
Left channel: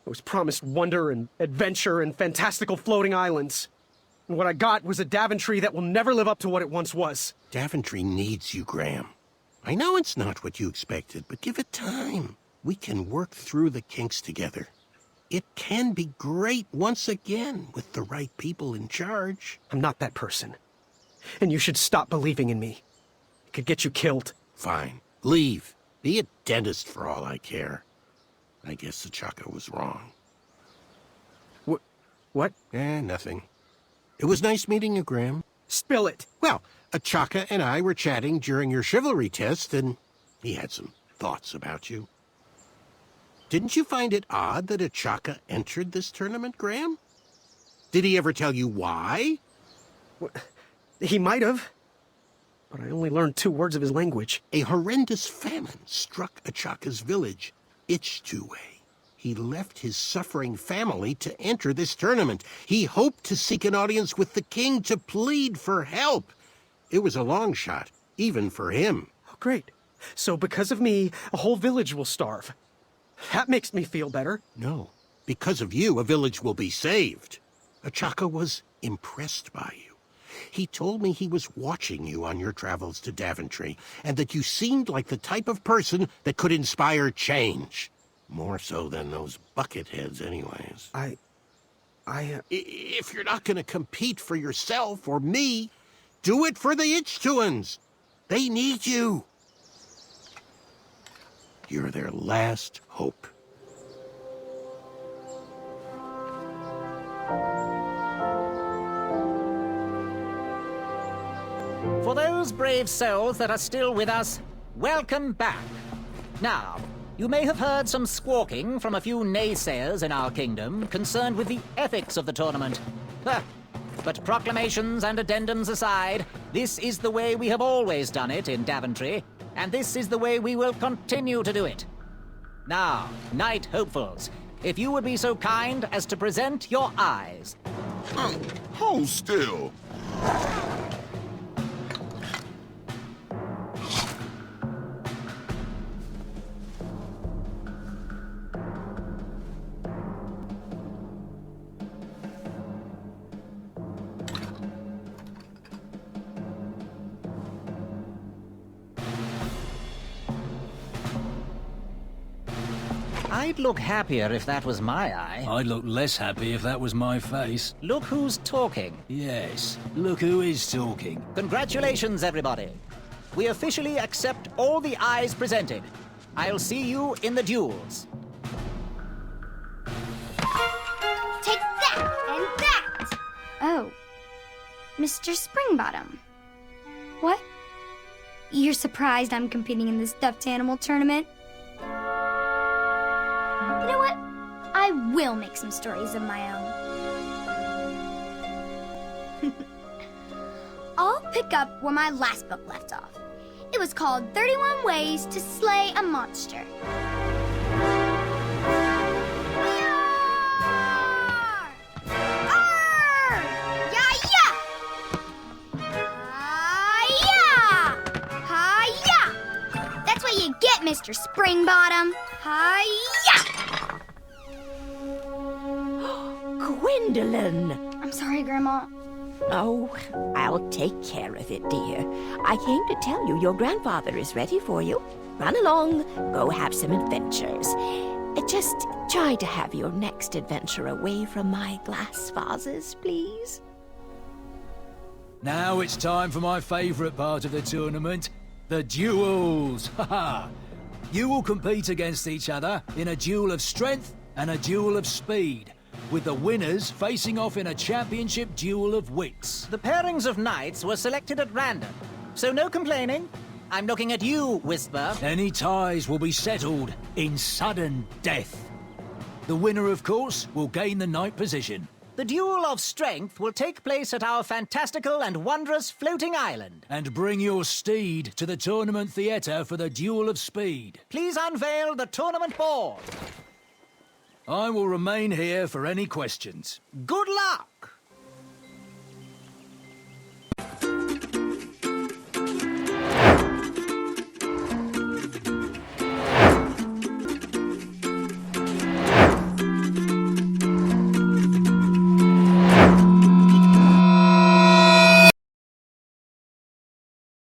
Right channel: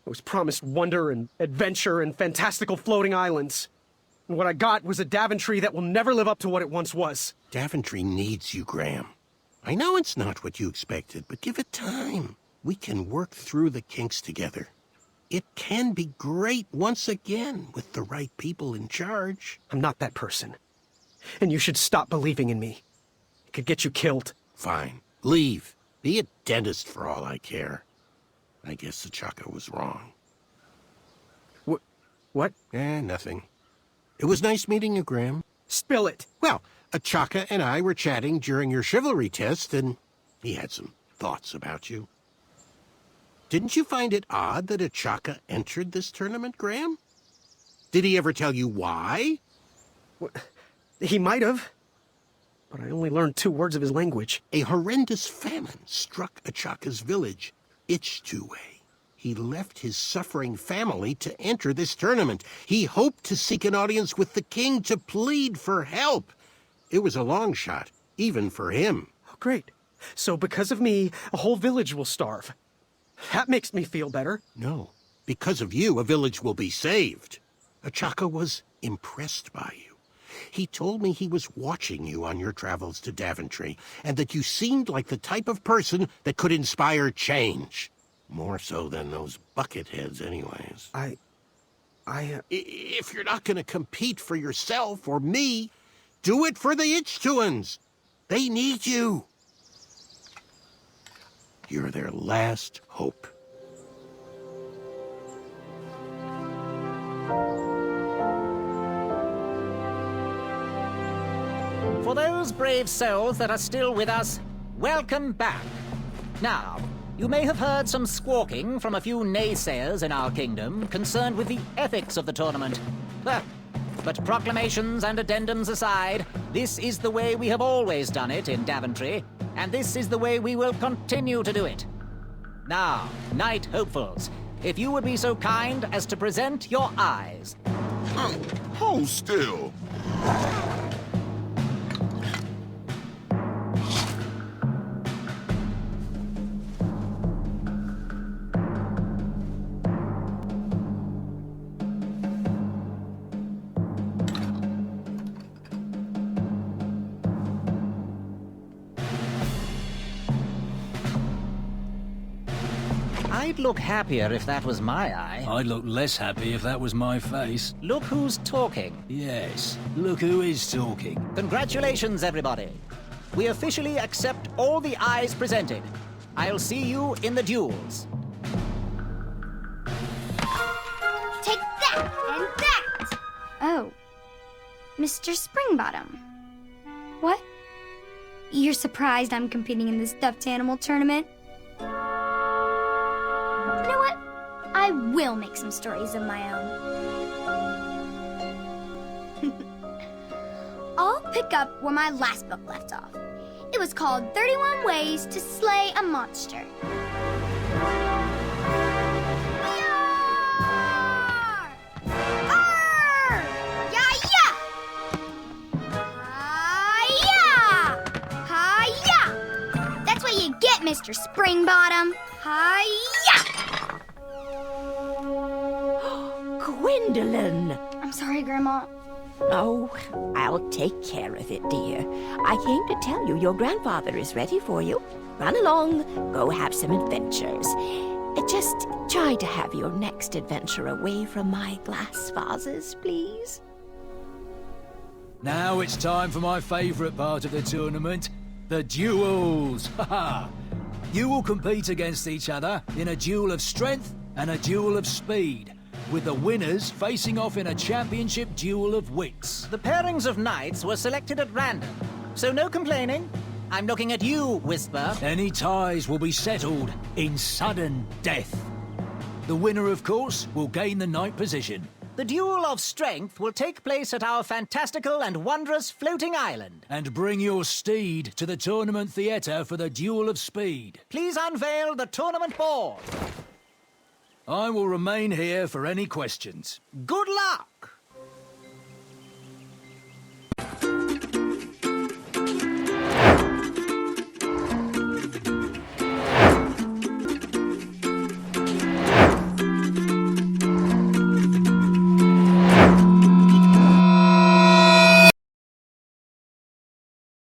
I was promised wonder and adventure and fantastical floating islands. And what I got was a Daventry that will never live up to what it once was. Daventry needs you, Graham. I know it's not what you expected, but give it time. We can work through the kinks together. It can be great once again with the right people in charge. I'm not that person. And you should stop believing in me. It could get you killed. Fine. Leave. Be a dentist for all I care. I guess Achaka was wrong. What? Nothing. It was nice meeting you, Graham. Spill it. Well, Achaka and I were chatting during your chivalry test, and he had some thoughts about you. Didn't you find it odd that Achaka entered this tournament, Graham? Did he ever tell you why? He might have. But I only learned 2 words of his language. A horrendous famine struck Achaka's village, Ichtuwe. He left his suffering family to enter this tournament. He hoped to seek an audience with the king to plead for help. It was a long shot, even for him. Oh, great. So because of me, a whole village will starve. That makes me feel better. No. Because of you, a village will be saved. Achaka was impressed by you. He told me he was watching you on your travels to Daventry, and that you seemed like the type of person that could inspire change. More so than those bucketheads, anyways. If you're not going to compete for yourself or me, do it for the Ichtuans. They need you. You're their last hope. For those brave souls that are still with us, welcome back. Now, you may have heard some squawking from a few naysayers in our kingdom concerned with the ethics of the tournament. But proclamations and addendums aside, this is the way we have always done it in Daventry, and this is the way we will continue to do it. Now, Knight Hopefuls, if you would be so kind as to present your eyes. Hold still. I'd look happier if that was my eye. I'd look less happy if that was my face. Look who's talking. Yes, look who is talking. Congratulations, everybody. We officially accept all the eyes presented. I'll see you in the duels. Take that and that! Oh. Mr. Springbottom. What? You're surprised I'm competing in this stuffed animal tournament? You know what? I will make some stories of my own. I'll pick up where my last book left off. It was called 31 Ways to Slay a Monster. Get Mr. Springbottom. Hi-ya! Gwendolyn! I'm sorry, Grandma. Oh, I'll take care of it, dear. I came to tell you your grandfather is ready for you. Run along, go have some adventures. Just try to have your next adventure away from my glass vases, please. Now it's time for my favourite part of the tournament. The duels! Haha! You will compete against each other in a duel of strength and a duel of speed, with the winners facing off in a championship duel of wits. The pairings of knights were selected at random, so no complaining. I'm looking at you, Whisper. Any ties will be settled in sudden death. The winner, of course, will gain the knight position. The duel of strength will take place at our fantastical and wondrous floating island. And bring your steed to the tournament theatre for the duel of speed. Please unveil the tournament board. I will remain here for any questions. Good luck!